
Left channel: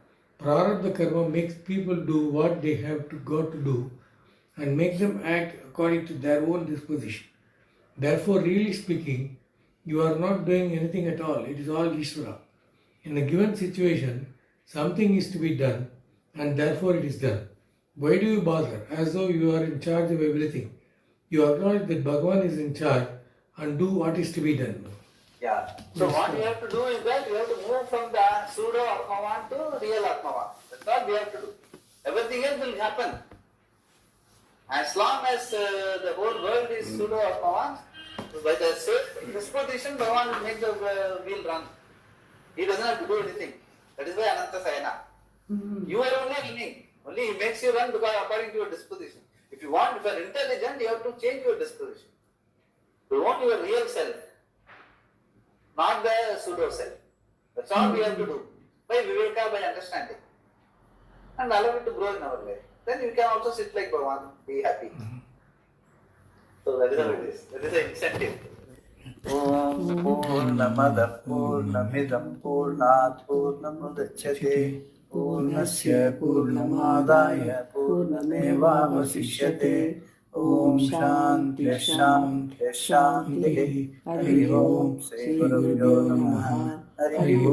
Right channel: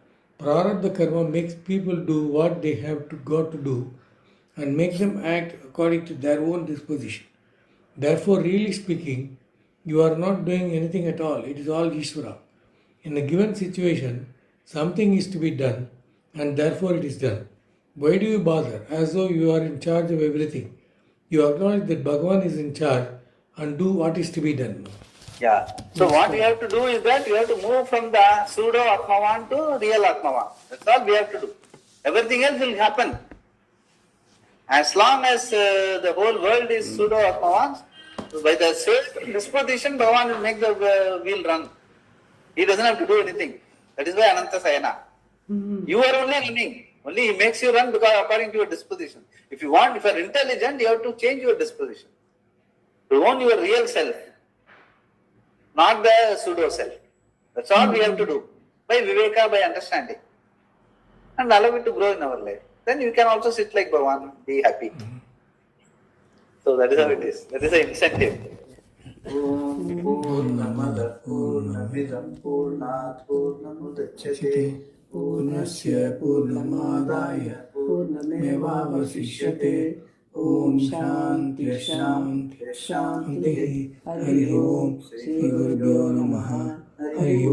Prarabdha karma makes people do what they have got to do and makes them act according to their own disposition. Therefore, really speaking, you are not doing anything at all. It is all Ishvara. In a given situation, something is to be done and therefore it is done. Why do you bother? As though you are in charge of everything. You acknowledge that Bhagavan is in charge and do what is to be done. Yeah. So what we have to do is that we have to move from the pseudo Atmavan to real Atmavan. That's all we have to do. Everything else will happen. As long as the whole world is pseudo Atmavan, by the same disposition, Bhagavan will make the wheel run. He doesn't have to do anything. That is why Ananta Sayana. You are only running. Only he makes you run because according to your disposition. If you are intelligent, you have to change your disposition. To own your real self. Not the pseudo self. That's all we have to do. By Viveka, by understanding. And allow it to grow in our life. Then you can also sit like Bhagavan, be happy. So that is how it is. That is the incentive. Purnamada Purnamidam Purnat Purnamudachyate Purnasya Purnamadaya Purnamevavasishyate Om Shanti Shanti Shanti Hari Om Sri Gurubhyo Namaha Hari Om